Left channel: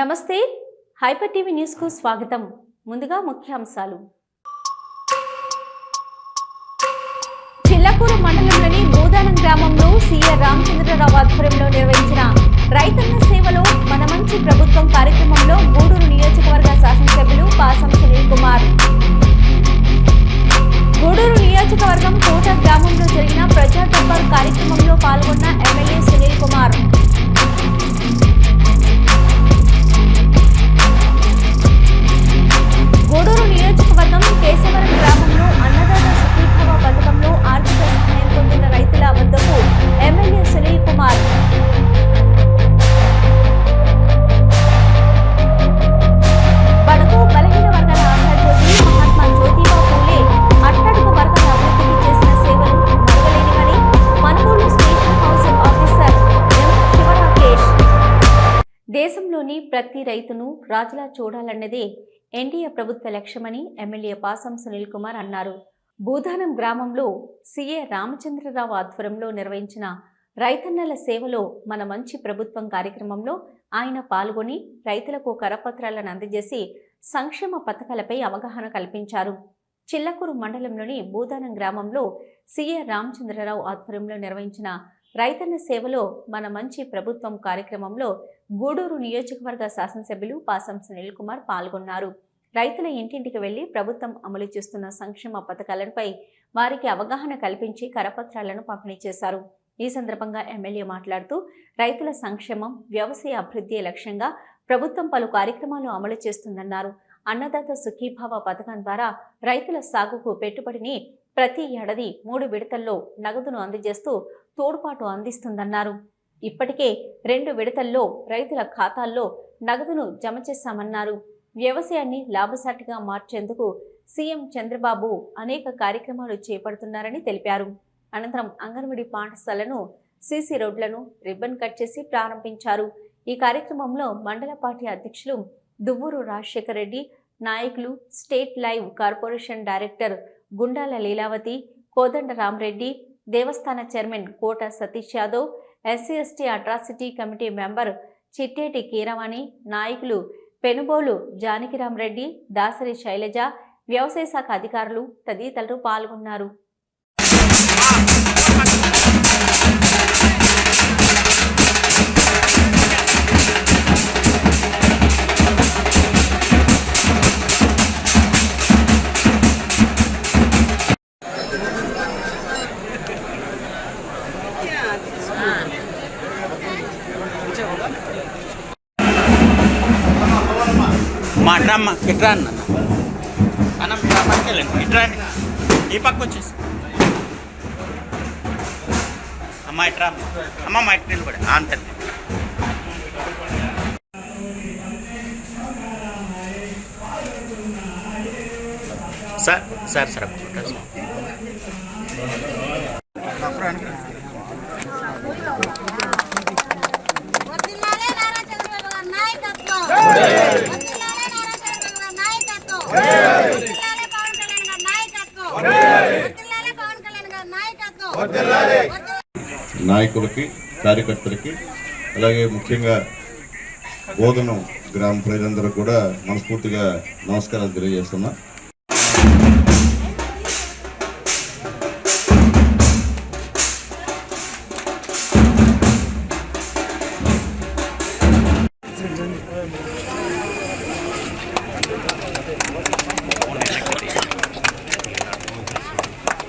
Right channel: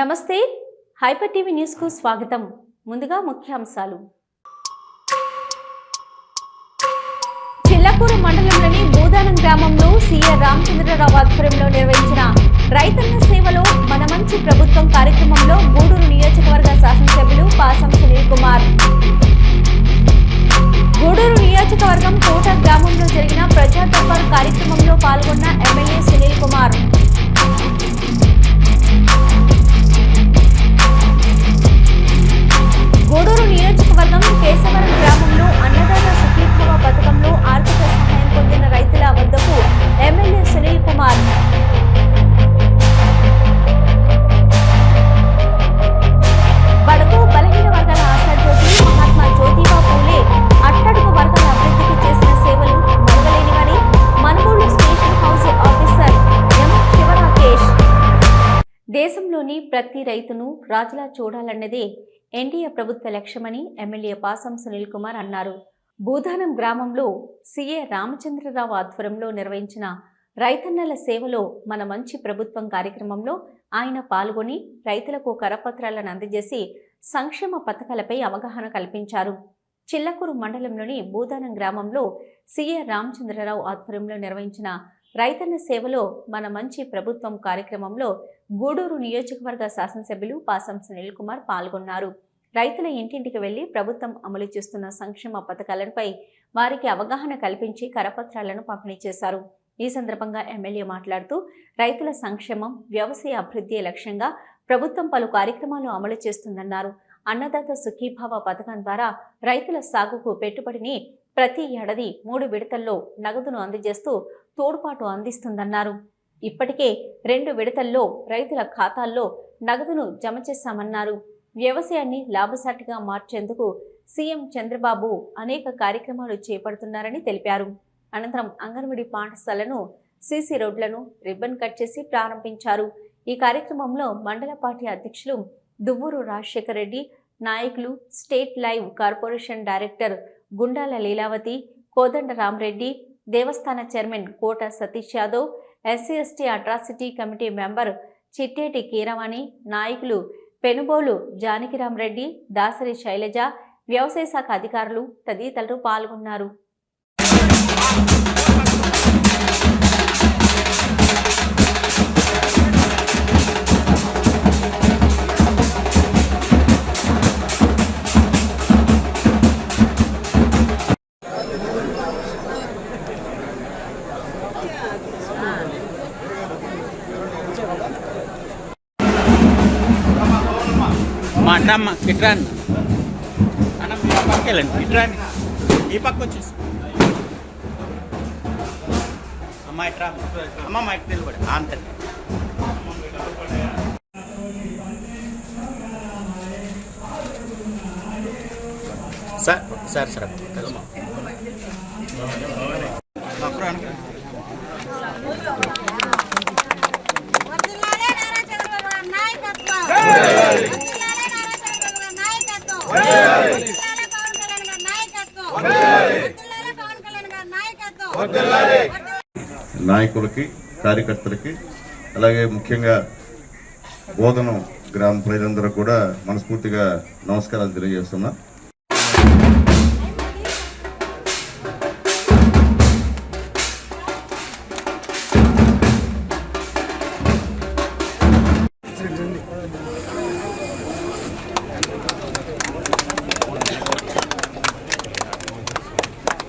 నమస్తే hyper TV news కు స్వాగతం. ముందుగా ముఖ్యాంశాలు. చిల్లకూరు మండలంలోని బూదానం గ్రామంలో సీఏ రామచంద్రరావు ఆధ్వర్యంలో నిర్వహించిన రైతన్న సేవలో మన మంచి ప్రభుత్వం కార్యక్రమంలో గూడూరు నియోజకవర్గ శాసనసభ్యులు పాసం సునీల్ కుమార్. గూడూరు నియోజకవర్గం కోట గ్రామంలో జరిగిన ప్రజా దర్బార్ కార్యక్రమంలో పాల్గొన్న ఎమ్మెల్యే సునీల్ కుమార్. గూడూరు నియోజకవర్గం కేశవరం గ్రామంలో అన్నదాత సుఖీభవ పథకంలో ఆర్థిక సహాయం పొందిన రైతుల వద్దకు ఎమ్మెల్యే సునీల్ కుమార్. బడుగు బలహీన వర్గాల ఆశాజ్యోతి మహాత్మా జ్యోతిబా పూలే అట్టడుగు వర్గాల అభివృద్ధికి చేసిన సేవలు మరవలేనివని Manugolu station house officer M Sivarakesh. దేశంలోని ప్రతి రైతును రాజులా చూడాలన్నదే ఎన్డీఏ ప్రభుత్వ లక్ష్యమని ఎమ్మెల్యే పాసం సునీల్ కుమార్ అన్నారు. బూదానం గ్రామంలో సీఏ రామచంద్రరావు ఆధ్వర్యంలో నిర్వహించిన రైతన్నల సేవలో మన మంచి ప్రభుత్వం కార్యక్రమంలో ఆయన పాల్గొని రైతులకు కరపత్రాలను అందజేసి సంక్షేమ పథకాలపై అవగాహన కల్పించారు. చిల్లకూరు మండలంలోని బూదానం గ్రామంలో సీఏ రామచంద్రరావు ఆధ్వర్యంలో నిర్వహించిన రైతన్న సేవలో మన మంచి ప్రభుత్వం కార్యక్రమంలో గూడూరు నియోజకవర్గ శాసనసభ్యులు పాసం సునీల్ కుమార్ పాల్గొన్నారు. రైతుల ఇంటింటికి వెళ్లి ప్రభుత్వం అమలు చేస్తున్న సంక్షేమ పథకాలపై వారికి అవగాహన కల్పించి కరపత్రాలను పంపిణీ చేశారు. ఈ సందర్భంగా ఎమ్మెల్యే మాట్లాడుతూ రైతుల సంక్షేమం, వ్యవసాయ అభివృద్ధి లక్ష్యంగా ప్రభుత్వం పలు కార్యక్రమాలు అమలు చేస్తుందన్నారు. అన్నదాత సుఖీభావ పథకం ద్వారా రైతుల సాగుకు పెట్టుబడిని ప్రతి ఏడాది 3 విడతల్లో నగదును అందజేస్తూ తోడ్పాటు అందిస్తుందన్నారు. ఇప్పటికే 2 విడతల్లో రైతుల ఖాతాల్లో నగదును జమ చేశామన్నారు. వ్యవసాయాన్ని లాభసాటిగా మార్చేందుకు సీఎం చంద్రబాబు అనేక కార్యక్రమాలు చేపడుతున్నారని తెలిపారు. అనంతరం అంగన్వాడీ పాఠశాలను, సీసీ రోడ్లను రిబ్బన్ కట్ చేసి ప్రారంభించారు. ఈ కార్యక్రమంలో మండల పార్టీ అధ్యక్షులు దువ్వూరు రాజశేఖర్ రెడ్డి, నాయకులు, state live corporation director Gundala Leelavathi, Kodanda Ramareddy, దేవస్థాన chairman Kota Satish Yadav, SC ST atrocity committee member Chitteti Keeravani, నాయకులు పెనుబోలు జానకిరామరెడ్డి, దాసరి శైలజ, వ్యవసాయ శాఖ అధికారులు తదితరులు పాల్గొన్నారు. మాటమ్మ ఇట్రా అన్న అన్నం పక్కకెళ్ళండి, ఇట్రా ఈ పక్క వచ్చేసి అమ్మ ఇట్రా అమ్మ మా ఇటు నిలబడి అంతే. సార్ సార్ సార్ నాయకులకి, కార్యకర్తలకి, అలాగే ముఖ్యంగా బోధనం గ్రామ ప్రజలందరూ కూడా మనస్ఫూర్తిగా నమస్కారాలు తెలియజేస్తున్నా.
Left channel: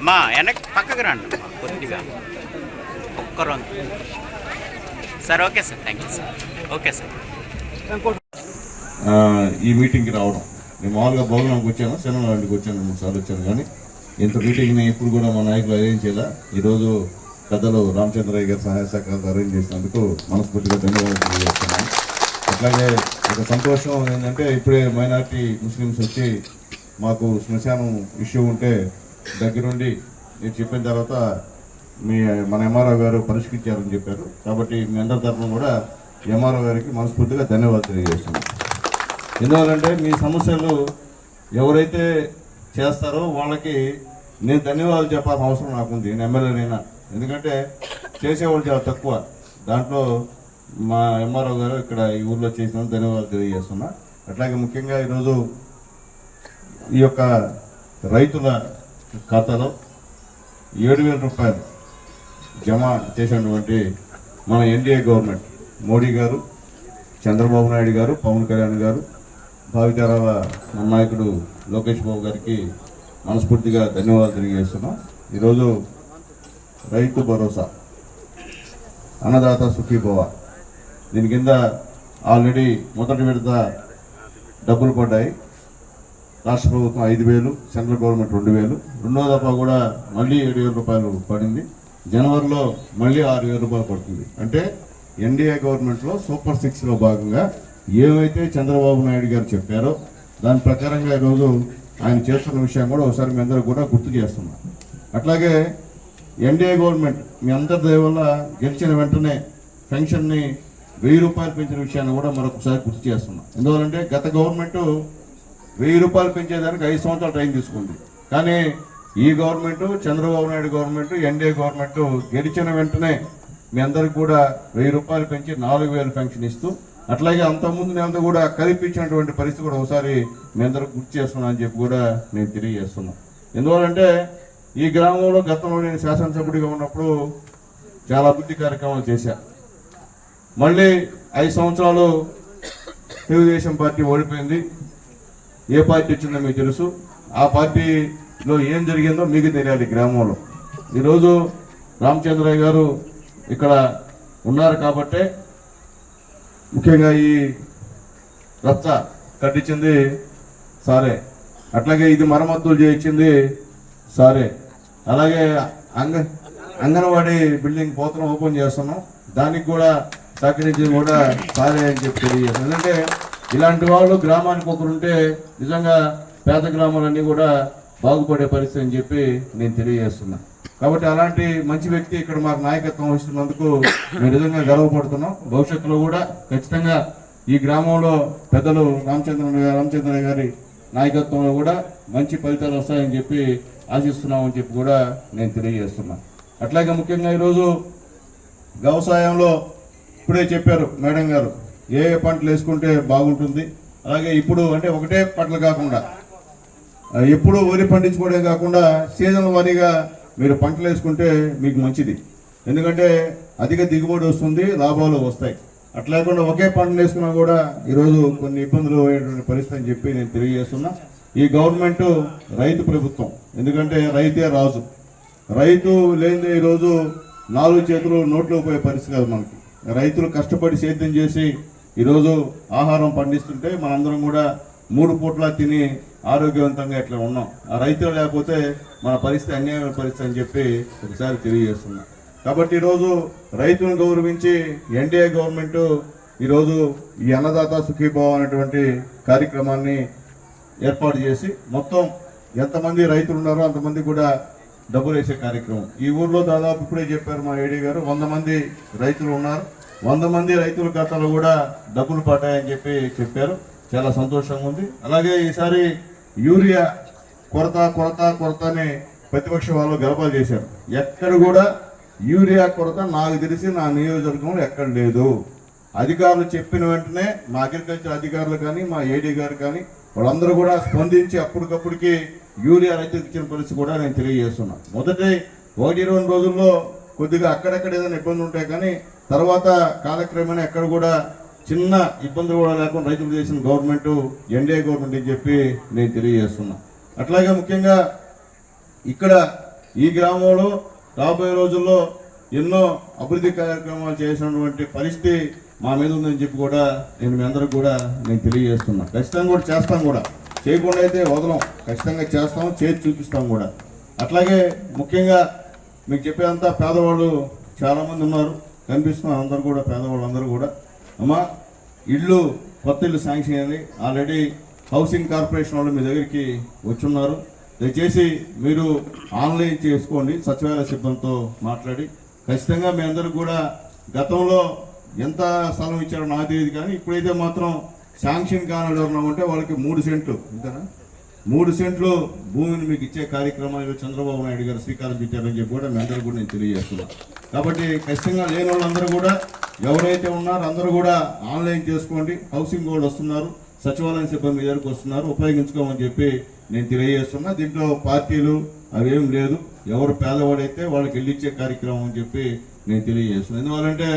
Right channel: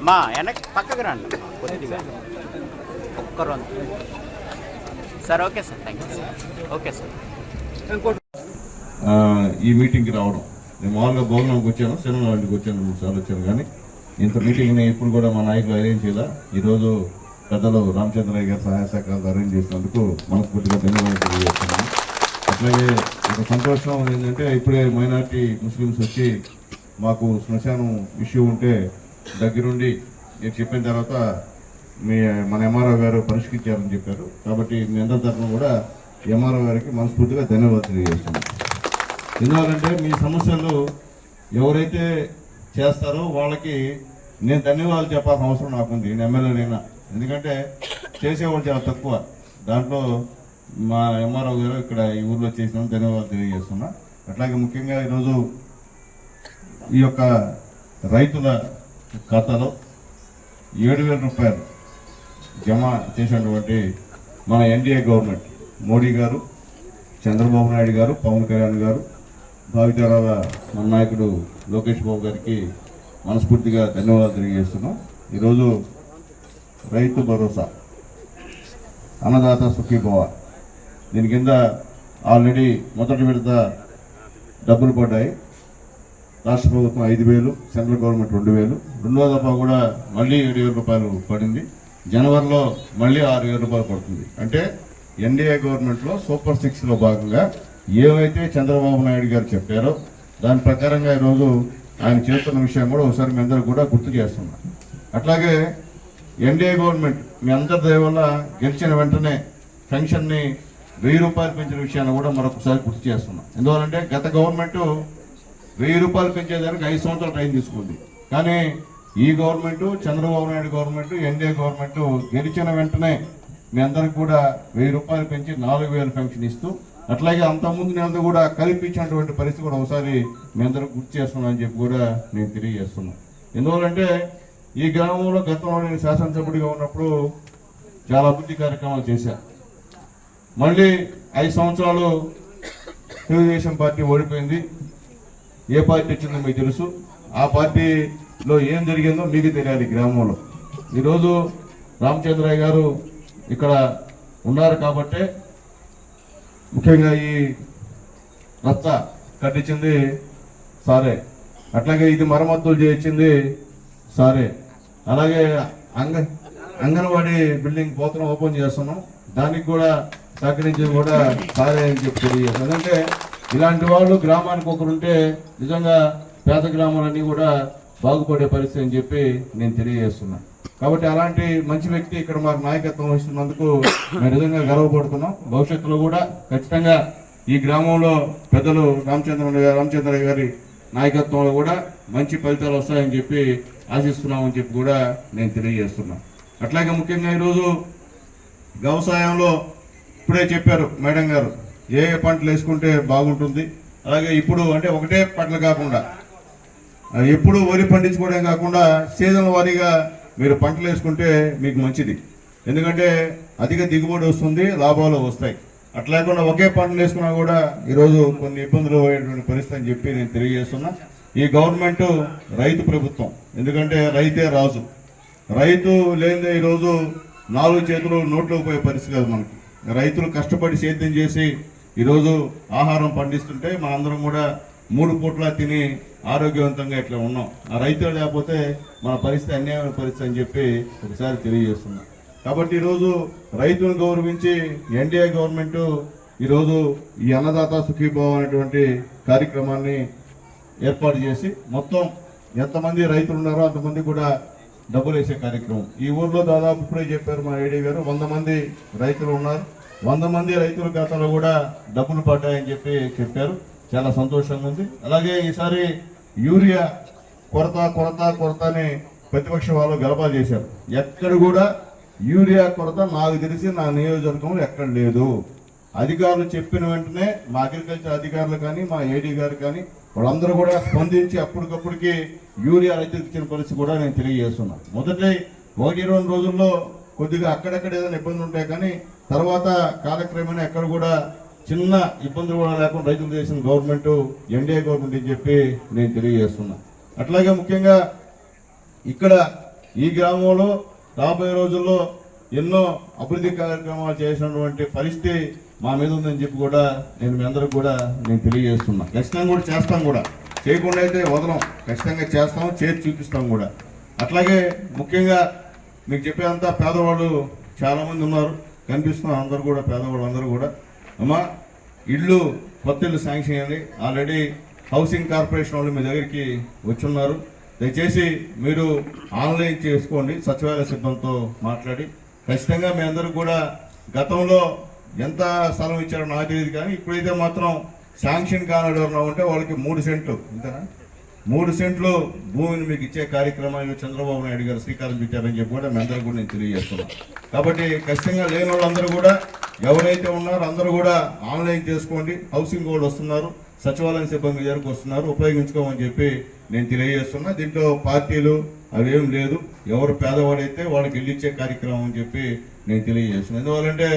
మా వెనక్కి పక్కకు రండి కొద్దిగా ఒక్కరు sir. Okay sir, thank you sir. Okay sir. ఈ మీటింగ్కి రావడం, నేను మామూలుగా భోజనానికి వచ్చాను, సినిమా ఇంటికి వచ్చాను, 3 సార్లు వచ్చాను, కానీ ఇంత మీటింగ్ని ఇప్పుడు కూడా మా నాయకులు అరేంజ్ చేయాల. ఈరోజు పెద్దలు రామచంద్రయ్య గారి సహాయ సహకారాలు అరేంజ్ చేసినందుకు మనస్ఫూర్తిగా ధన్యవాదాలు తెలియజేస్తున్నాను. అట్లాగే ఒక సంతోషం ఏంటంటే ఇప్పుడే మైనారిటీ ముస్లిమ్స్ వచ్చి మాకు శ్మశానం ఇష్యూ ఉంటే దగ్గరుండి నేను చెప్పిన తర్వాత మన ఎంఆర్ఓ గారు పరిష్కరించారని చెప్పారు. కాబట్టి మీ అందరి తరఫున కూడా ఎంఆర్ఓ గారికి మనస్ఫూర్తిగా ధన్యవాదాలు తెలియజేస్తున్నాను. ఎందువల్లంటే మీ సమస్యలు ఎవరైతే చేస్తారో వాళ్ళకి నేను ధన్యవాదాలు చెప్పాల్సిన అవసరం నాకుంది, నేను ఎమ్మెల్యేనైనా. ఎందుకంటే చేసేవాళ్ళు చాలా తక్కువ, దాంట్లో మా ఎంఆర్ఓ గారు ఇక్కడ ఈ ఊర్లో చేసిన ధన్యవాదాలు తెలియజేస్తున్నా. అట్లాగే ముఖ్యంగా ఈరోజు ఈ యొక్క రైతుల ఖాతాలో 7,000 రూపాయలు జమ చేసినటువంటి మన ఎన్డీఏ గవర్నమెంట్ మోడీ గారు, చంద్రబాబు నాయుడు గారు, పవన్ కళ్యాణ్ గారు, భావితరాల నాయకుడు లోకేష్ బాబు గారికి మనస్ఫూర్తిగా ధన్యవాదాలు తెలియజేస్తున్నాం. ఈరోజు రైతు భరోసా, అన్నదాత సుఖీభవ, దీని కింద ఆల్రెడీ మొదటి విడత డబ్బులు పడ్డాయి. రాష్ట్ర ప్రభుత్వం 5,000, సెంట్రల్ గవర్నమెంట్ 2,000, రెండో దఫా కూడా మళ్ళీ 7,000 రూపాయలు పడింది. జనవరిలో మళ్ళీ 6,000 రూపాయలు పడుతుంది. అంటే ఎన్డీఏ గవర్నమెంట్లో సూపర్ 6లో భాగంగా ఏవైతే చంద్రబాబు నాయుడు గారు చెప్పారో దాని ప్రకారంగా ఈరోజు ఆయన చేస్తున్న విషయం కూడా ఒకసారి మీ అందరూ కూడా గుర్తు చేస్తున్నాం. అట్లాగే ఎన్డీఏ గవర్నమెంట్ మీ అందరి దయ వల్ల గెలిచిన వెంటనే పెన్షన్ని 1,000 రూపాయలు పెంచిన విషయాన్ని కూడా మరొకసారి గుర్తు చేస్తున్నాం. ఎందువల్లంటే గత గవర్నమెంట్ 1,000 రూపాయలు పెంచేదానికి 5 సంవత్సరాలు టైం తీసుకుంది. కానీ ఈ government, Chandrababu Naidu government, NDA government గెలిచిన వెంటనే మీ అందరికి కూడా 1,000 రూపాయలు పెంచి 4,000 పెన్షన్ ఇస్తూ, అట్లాగే అంతకుముందు నేను కూడా కల్పించినటువంటి పరిస్థితి కూడా ఒకసారి మీ అందరూ గుర్తు చేస్తున్నా అని చెప్పి కూడా నేను తెలియజేస్తున్నాను. ఎందువల్లంటే ఈ గ్రామంలో గతంలో నేను శాసనసభ్యుడిగా ఉన్నప్పుడు చాలా అభివృద్ధి కార్యక్రమాలు చేశాను. మళ్ళీ 5 సంవత్సరాలు తెలుగుదేశం పార్టీ ఓడిపోయింది. ఏ పార్టీ వచ్చిందో మీకు తెలుసు. ఆ పార్టీలో ఏం జరిగిందో మీకు తెలియాలి. గ్రామంలో ఈరోజు రామచంద్రయ్య గారు ఇక్కడ ఉన్నారు కాబట్టే ముఖ్యంగా ఈ రచ్చ కట్టించింది సారే, అట్లాగే ఇది మరమ్మతులు చేయించింది సారే, అలాగే అంగన్వాడీ బిల్డింగ్ పోతను ఓపెన్ చేస్తున్నాం, దానికి కూడా సహకరించింది కూడా సారే అని చెప్పి తెలియజేస్తాం. ఎందుకంటే ఇలాంటి వాళ్ళు గ్రామానికి ఒకరుంటే నిజంగా పేద గ్రామాలన్నీ కూడా బాగుపడే పరిస్థితి అని చెప్పి నేను తెలియజేస్తున్నా. కాబట్టి అలాంటి మంచి వ్యక్తి ఇక్కడ మాకు నాయకత్వం వస్తున్నందుకు మేము నిజంగా గర్వపడుతున్నాం. భవిష్యత్తులో కూడా ఖచ్చితంగా ఈ గ్రామంలో పెద్దలు రామచంద్రయ్య గారి నాయకత్వంలో కూడా మంచి ఫలితాలు వస్తాయని చెప్పి ఆశిస్తున్నామని చెప్పి కూడా నేను తెలియజేస్తున్నాను. అట్లాగే ముఖ్యంగా ఈరోజు వ్యవసాయంలో ఇప్పుడే చెప్పారు మేడం గారు ఏ ఏ పంటలు వేసుకుంటే బాగుంటుంది. అలాగే ఇప్పుడు అంటే ఒకటే పంటలు కాకుండా ఎప్పుడు వరి పండించుకోవడం కాకుండా సీజన్ వారీగా మీరు పంటలు వేసుకుంటే మీకు మంచిది. ఎందుకంటే అధిక దిగుబడి వస్తుంది, లాభాలు వస్తాయి. అట్లాగే ఒకే పంటలు వేసుకున్నా కూడా ఈరోజు కొన్ని ఇబ్బందులు అయ్యేటువంటి పరిస్థితి అని చెప్పి నేను తెలియజేస్తున్నా. ఈ గవర్నమెంట్ రైతు ప్రభుత్వం, ఎందుకంటే రైతే రాజు. రైతు లేని ఈరోజు 4 చేతులు నోట్లో పోయే పరిస్థితి కాదు మనకి. రైతులు కష్టపడి సేద్యం చేసి ఈరోజు ఆహారం పండిస్తుంటే మనందరం కూడా 3 పూట్ల తిని ఆరోగ్యవంతంగా ఇట్లా ఉన్నాం. ఆ రైతులు లేకపోతే మన పరిస్థితి అన్యాయమైన పరిస్థితి అని చెప్పి ఒకసారి తెలియజేస్తున్నాం. కాబట్టి ఈరోజు రైతులను గౌరవించి ఎన్డీఏ గవర్నమెంట్ ఈరోజు ఈ అన్నదాత సుఖీభావ అనేటువంటి కార్యక్రమాన్ని ఏర్పాటు చేసి మొత్తం ఎంతమంది రైతులు ఉన్నారో అంతమంది కూడా డబ్బులు వేసే కార్యక్రమం. ఈ ఊర్లో దాదాపు ఇప్పుడే చెప్పారు మా ఏడీ గారు 100 మంది రైతులు ఉన్నారు. 100 మంది రైతుల ఖాతాలో కూడా డబ్బులు పడ్డాయని చెప్పి చెప్పారు. చాలా సంతోషంగా ఉంది. అలాగే ఈసారి యూరియా కొరత అని ప్రతిపక్ష వాళ్ళు గలపాలు చేశారు. ఎక్కడ కూడా యూరియా కొరత నాకు తెలిసి నా నియోజకవర్గంలో ఎక్కడ లేదు. అధికారులు చెప్పిన వెంటనే మా అగ్రికల్చర్ అధికారులు కానీ మా ఏడీ గారు కానీ వాళ్ళందరూ కూడా స్పందించి అప్పటికప్పటికి యూరియా రైతులకు ఇచ్చిన పరిస్థితి కూడా నేను తెలియజేస్తున్నాను. మొదటి 1-2 రోజుల్లో కొద్దిగా అక్కడక్కడ ఏదైనా ఇబ్బంది ఉంటాయి, కానీ తర్వాత కాలక్రమేణా ఎక్కడ కూడా చిన్న ఇబ్బందులు కూడా లేకుండా రైతులు చేసిన గవర్నమెంట్ ఎన్డీఏ గవర్నమెంట్ అని చెప్పి నేను తెలియజేస్తున్నాను. అట్లాగే ముఖ్యంగా ఇక్కడ ఈ గ్రామంలో రాబోయే రోజుల్లో ఎన్నో అభివృద్ధి కార్యక్రమాలు చేసినటువంటి పరిస్థితి మా మీద ఉందని చెప్పి కూడా నేను మీ అందరికి కూడా నేను తెలియజేస్తున్నాను. ఖచ్చితంగా కూడా చేస్తాం, కూడా చేయకుండా అయితే వదలం, ఖచ్చితంగా చేస్తాం, చేసి చూపిస్తాం కూడా. అట్లాగే ముఖ్యంగా మీకు చెప్పేంతా పేదవాళ్ళు చాలామంది ఉన్నారు, కనిపిస్తున్నారు. అందరూ కూడా పేదవాళ్ళు అందరూ కూడా అమ్మా ఇళ్ళు కొత్త ఇల్లు శాంక్షన్ అయ్యింది. ఆల్రెడీ హౌసింగ్ కార్పొరేషన్ వాళ్ళు మీ దగ్గరికి వచ్చున్నారు. దయచేసి మీరు ఆన్లైన్ చేసుకోండి, సచివాలయ సిబ్బందితో మాట్లాడి. ఖచ్చితంగా మీ అందరూ కూడా గతంలో ఎంత స్థలం ఇచ్చారో నాకు తెలియదు, కానీ ఇప్పుడైతే మాత్రం శాంక్షన్ కానడం ఉంటే వాళ్ళకి 3 సెంట్లు ఇంతనా 3 సెంట్లు భూమిని మీకు ఇచ్చే కార్యక్రమాలు చంద్రబాబు నాయుడు గారు శ్రీకారం చుట్టారని చెప్పి కూడా మీ అందరూ కూడా నేను తెలియజేస్తున్నాను. కాబట్టి ఖచ్చితంగా లేని వాళ్ళందరూ కూడా ఎవరైతే ఉన్నారో అందరూ కూడా ఆన్లైన్ చేసుకోండి. హౌసింగ్ కూడా వస్తున్నారు, సచివాలయం సిబ్బంది దగ్గరకు వస్తున్నారు, ఉపయోగించుకోమని చెప్పి నేను తెలియజేస్తున్నా. దీంట్లో పార్టీలు అవేం లేదు, ఎవరు పేదవాడైతే వాళ్ళకి వెళ్ళిచ్చే కార్యక్రమం అని చెప్పి నేను తెలియజేస్తున్నాను. ఎందువల్లంటే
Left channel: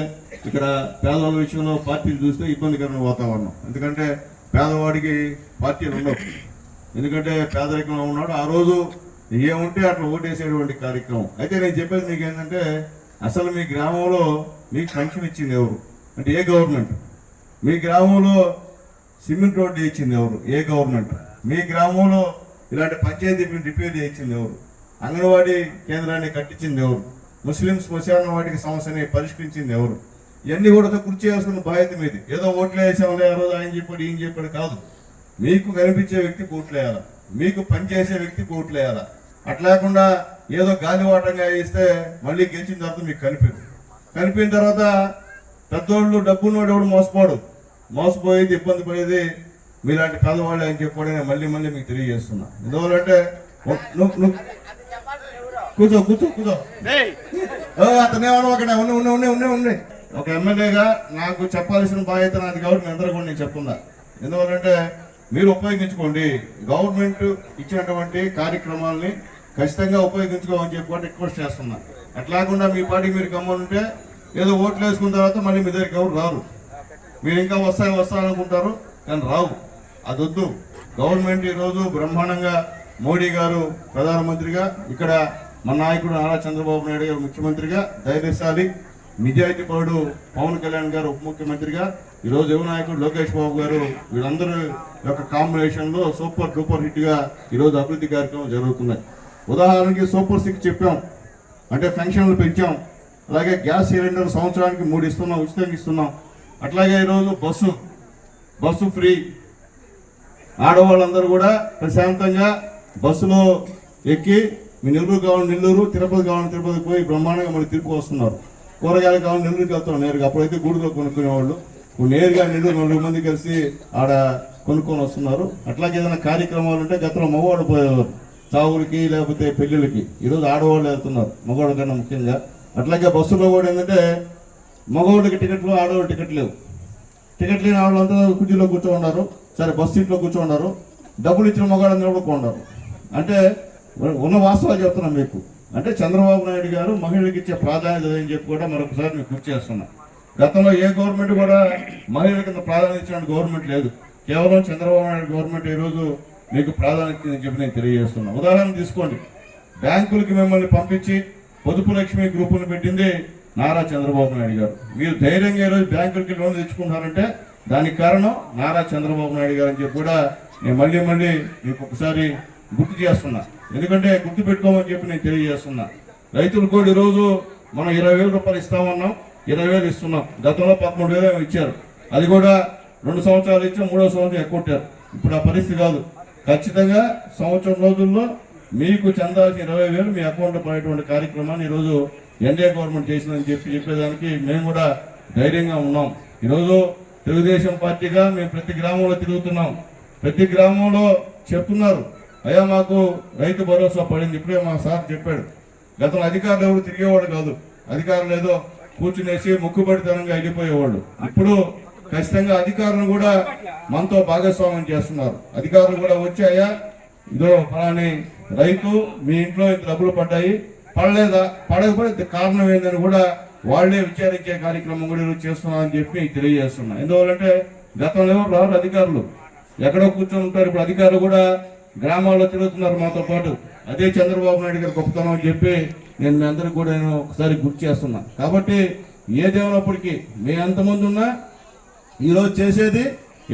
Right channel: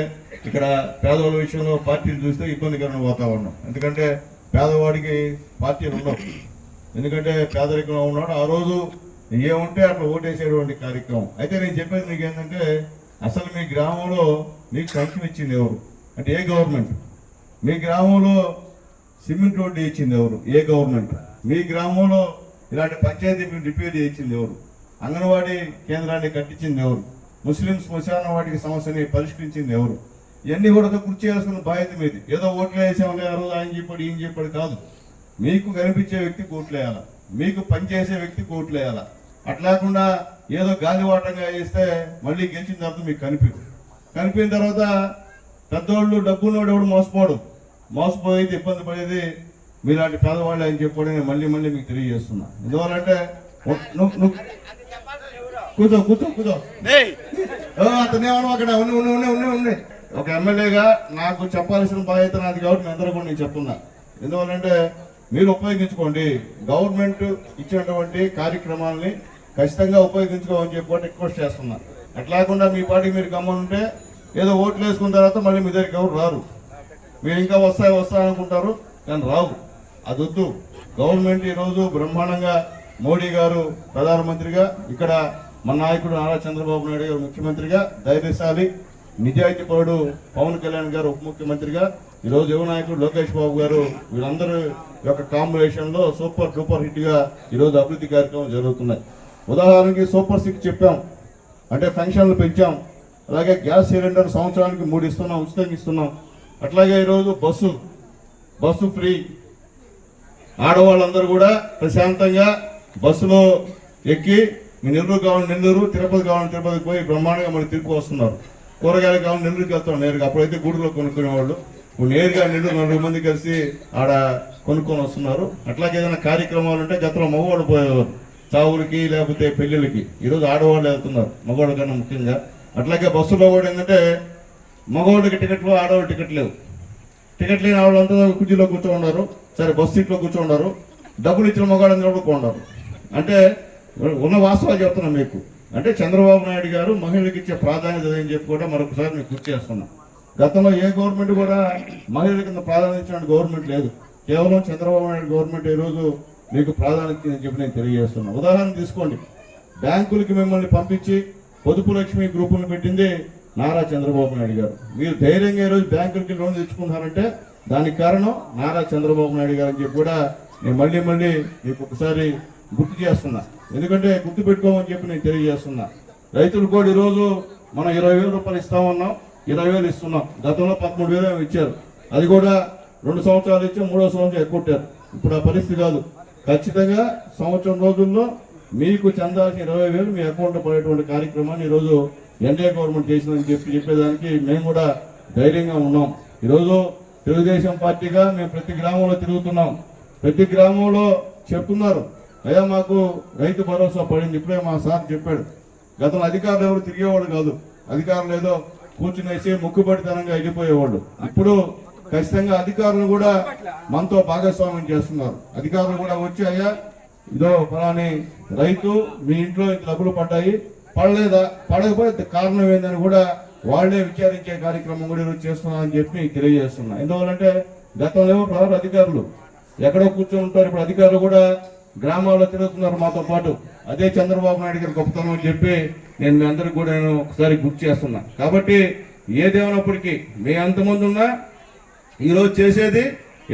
ఇక్కడ పేదవాళ్ళ విషయంలో పార్టీలు చూస్తే ఇబ్బందికరమైన వాతావరణం. ఎందుకంటే పేదవాడికి పార్టీలు ఉండవు, ఎందుకంటే పేదరికంలో ఉన్నాడు, ఆ రోజు ఏముంటే అట్లా ఓటేసేటువంటి కార్యక్రమం. అయితే నేను చెప్పేది మీకు ఏంటంటే, అసలు మీ గ్రామంలో మీకు పెన్షన్ ఇచ్చింది ఎవరు అంటే ఏ గవర్నమెంట్? మీ గ్రామంలో సిమెంట్ రోడ్డు ఇచ్చింది ఎవరు? ఏ గవర్నమెంట్? మీ గ్రామంలో ఇలాంటి పంచాయతీ రిపేర్ చేయించింది ఎవరు? అంగన్వాడీ కేంద్రాన్ని కట్టించింది ఎవరు? ముస్లిం శ్మశాన వాటికి సమస్యని పరిష్కరించింది ఎవరు? ఇవన్నీ కూడా గుర్తు చేసుకున్న బాధ్యత మీది. ఏదో ఓట్లు వేసాంలే ఆ రోజు ఆయన చెప్పాడు ఈయన చెప్పాడు కాదు. మీకు కనిపించే వ్యక్తి ఓట్లేయాలా, మీకు పనిచేసే వ్యక్తి ఓట్లేయాలా. అట్లేకుండా ఏదో గాలివాటంగా వేస్తే మళ్ళీ గెలిచిన తర్వాత మీకు కనిపిన తర్వాత పెద్దోళ్ళు డబ్బున్నోడు ఎవడు మోసపోయేది ఇబ్బంది పడేది మీలాంటి పేదవాళ్ళే అని చెప్పి నేను మళ్ళీ మీకు తెలియజేస్తున్నా. ఎందువల్లంటే కూర్చో అతనేమన్నా అక్కడ ఉన్నాయి. ఒక ఎమ్మెల్యేగా నాకు చెప్పాల్సిన బాధ్యత నాది కాబట్టి మీ అందరూ కూడా నేను చెప్తున్నా. ఎందువల్లంటే మీరు ఉపయోగించుకోండి, గవర్నమెంట్ ఇచ్చినటువంటి కార్యక్రమాలని ఖచ్చితంగా ఉపయోగించుకోమని చెప్పి రిక్వెస్ట్ చేస్తున్నా. అట్లాకుండా మీ పార్టీకి మీరు గమ్మనుంటే ఏదో ఓట్లు వేసుకున్న తర్వాత మళ్ళీ మీ దగ్గరికి ఎవరు రారు. మీరు ఇంకా వస్తా అనుకుంటారు కానీ రావు. అది వద్దు. గవర్నమెంట్ ఈరోజు బ్రహ్మాండంగా మోడీ గారు ప్రధానమంత్రిగా, ఇక్కడ మన నాయకుడు నారా చంద్రబాబు నాయుడు గారు ముఖ్యమంత్రిగా, ధైర్యశాలి నిజాయితీ పరుడు పవన్ కళ్యాణ్ గారు ఉప ముఖ్యమంత్రిగా, ఈరోజు యువ నాయకుడు లోకేష్ బాబు గారు, వీళ్ళందరూ యొక్క కాంబినేషన్ లో సూపర్ డూపర్ హిట్ గా ఈరోజు అభివృద్ధి కార్యక్రమం జరుగుతున్నాయి. ఉదాహరణకి సూపర్ 6 చెప్పాం, అంటే పెన్షన్లు పెంచాం. అలాగే గ్యాస్ సిలిండర్ సంవత్సరానికి 3 ఇస్తున్నాం, ఉచితంగా ఇస్తున్నాం. అట్లాగే ఈరోజు బస్సు ఫ్రీ. ఆడవాళ్ళందరూ కూడా ప్రశాంతంగా బస్సులో ఎక్కి మీ నెల్లూరు కావాలి నెల్లూరు, తిరుపతి కావాలని తిరుపతికి పోయి బ్రహ్మాండంగా మళ్ళీ తిరుపతి వస్తున్నారు. కూరగాయలు కావాలి నెల్లూరుకి వెళ్తాం నేరుగా. అప్పుడైతే గూడులో కొనుక్కునేవాళ్ళు, ఇప్పుడు నేరుగా నెల్లూరు 4 మంది కలిసి ఆడ కొనుక్కొని వస్తున్నారు. అట్లాగే ఏదైనా కార్యక్రమాలు ఉంటే గతంలో మగవాళ్ళు పోయేవారు చావులకి లేకపోతే పెళ్లిళ్ళకి, ఈరోజు ఆడవాళ్ళు వెళ్తున్నారు మగవాళ్ళ కన్నా ముఖ్యంగా. అట్లాగే బస్సులో కూడా ఏంటంటే మగవాళ్ళకి టికెట్లు, ఆడవాళ్ళు టికెట్ లేవు. టికెట్ లేని ఆడవాళ్ళంతా కుర్చీలో కూర్చోన్నారు, సరే బస్సు సీట్లో కూర్చోన్నారు, డబ్బులు ఇచ్చిన మగవాళ్ళని నిలబడుకున్నారు. అంటే ఉన్న వాస్తవాలు చెప్తున్నాం మీకు. అంటే చంద్రబాబు నాయుడు గారు మహిళలకు ఇచ్చే ప్రాధాన్యత అని చెప్పి కూడా మరొకసారి మీకు గుర్తు చేస్తున్నా. గతంలో ఏ గవర్నమెంట్ కూడా మహిళలకు ఇంత ప్రాధాన్యత ఇచ్చిన గవర్నమెంట్ లేదు. కేవలం చంద్రబాబు నాయుడు గవర్నమెంట్ ఈరోజు మీకు ప్రాధాన్యత అని చెప్పి నేను తెలియజేస్తున్నా. ఉదాహరణ తీసుకోండి, బ్యాంకులకి మిమ్మల్ని పంపించి పొదుపు లక్ష్మి గ్రూపులను పెట్టింది నారా చంద్రబాబు నాయుడు గారు. మీరు ధైర్యంగా ఈరోజు బ్యాంకులకి లోన్ తెచ్చుకుంటున్నారంటే దానికి కారణం నారా చంద్రబాబు నాయుడు గారు అని చెప్పి కూడా నేను మళ్ళీ మీకు ఒకసారి గుర్తు చేస్తున్నా. ఎందుకంటే గుర్తు పెట్టుకోమని చెప్పి నేను తెలియజేస్తున్నా. రైతులు కూడా ఈరోజు మనం 20,000 రూపాయలు ఇస్తామన్నాం, 20,000 ఇస్తున్నాం. గతంలో 13,000 ఇచ్చారు, అది కూడా 2 సంవత్సరాలు ఇచ్చి 3వ సంవత్సరం ఎక్కుంటారు. ఇప్పుడు ఆ పరిస్థితి కాదు. ఖచ్చితంగా సంవత్సరం రోజుల్లో మీకు చెందాల్సిన 20,000 మీ అకౌంట్లో పడేటువంటి కార్యక్రమాన్ని ఈరోజు ఎన్డీఏ గవర్నమెంట్ చేసిందని చెప్పేదానికి మేము కూడా ధైర్యంగా ఉన్నాం. ఈరోజు తెలుగుదేశం పార్టీగా మేము ప్రతి గ్రామంలో తిరుగుతున్నాం. ప్రతి గ్రామంలో చెప్తున్నారు, అయ్యా మాకు రైతు భరోసా పడింది. ఇప్పుడే మా సార్ చెప్పాడు, గతంలో అధికారులు ఎవరు తిరిగేవాడు కాదు, అధికారులు ఏదో కూర్చునేసి ముక్కుబడితనంగా వెళ్ళిపోయేవాళ్ళు. ఇప్పుడు ఖచ్చితంగా అధికారులు కూడా మనతో భాగస్వామ్యం చేస్తున్నారు. అధికారులు కూడా వచ్చి, అయ్యా ఇదో పలాని రైతు మీ ఇంట్లో డబ్బులు పడ్డాయి, పడలేదా, పడకపోతే కారణం ఏందని కూడా వాళ్లే విచారించే కార్యక్రమం కూడా ఈరోజు చేస్తున్నారని చెప్పి తెలియజేస్తున్నా. ఎందువల్లంటే గతంలో ఎవరు రారు అధికారులు, ఎక్కడో కూర్చొని ఉంటారు. ఇప్పుడు అధికారులు కూడా గ్రామాల్లో తిరుగుతున్నారు మాతో పాటు. అదే చంద్రబాబు నాయుడు గారు గొప్పతనం అని చెప్పి నేను మీ అందరికి కూడా నేను ఒకసారి గుర్తు చేస్తున్నా. కాబట్టి ఏదేమైనప్పటికీ మీ అంతమంది ఉన్నా ఈరోజు చేసేది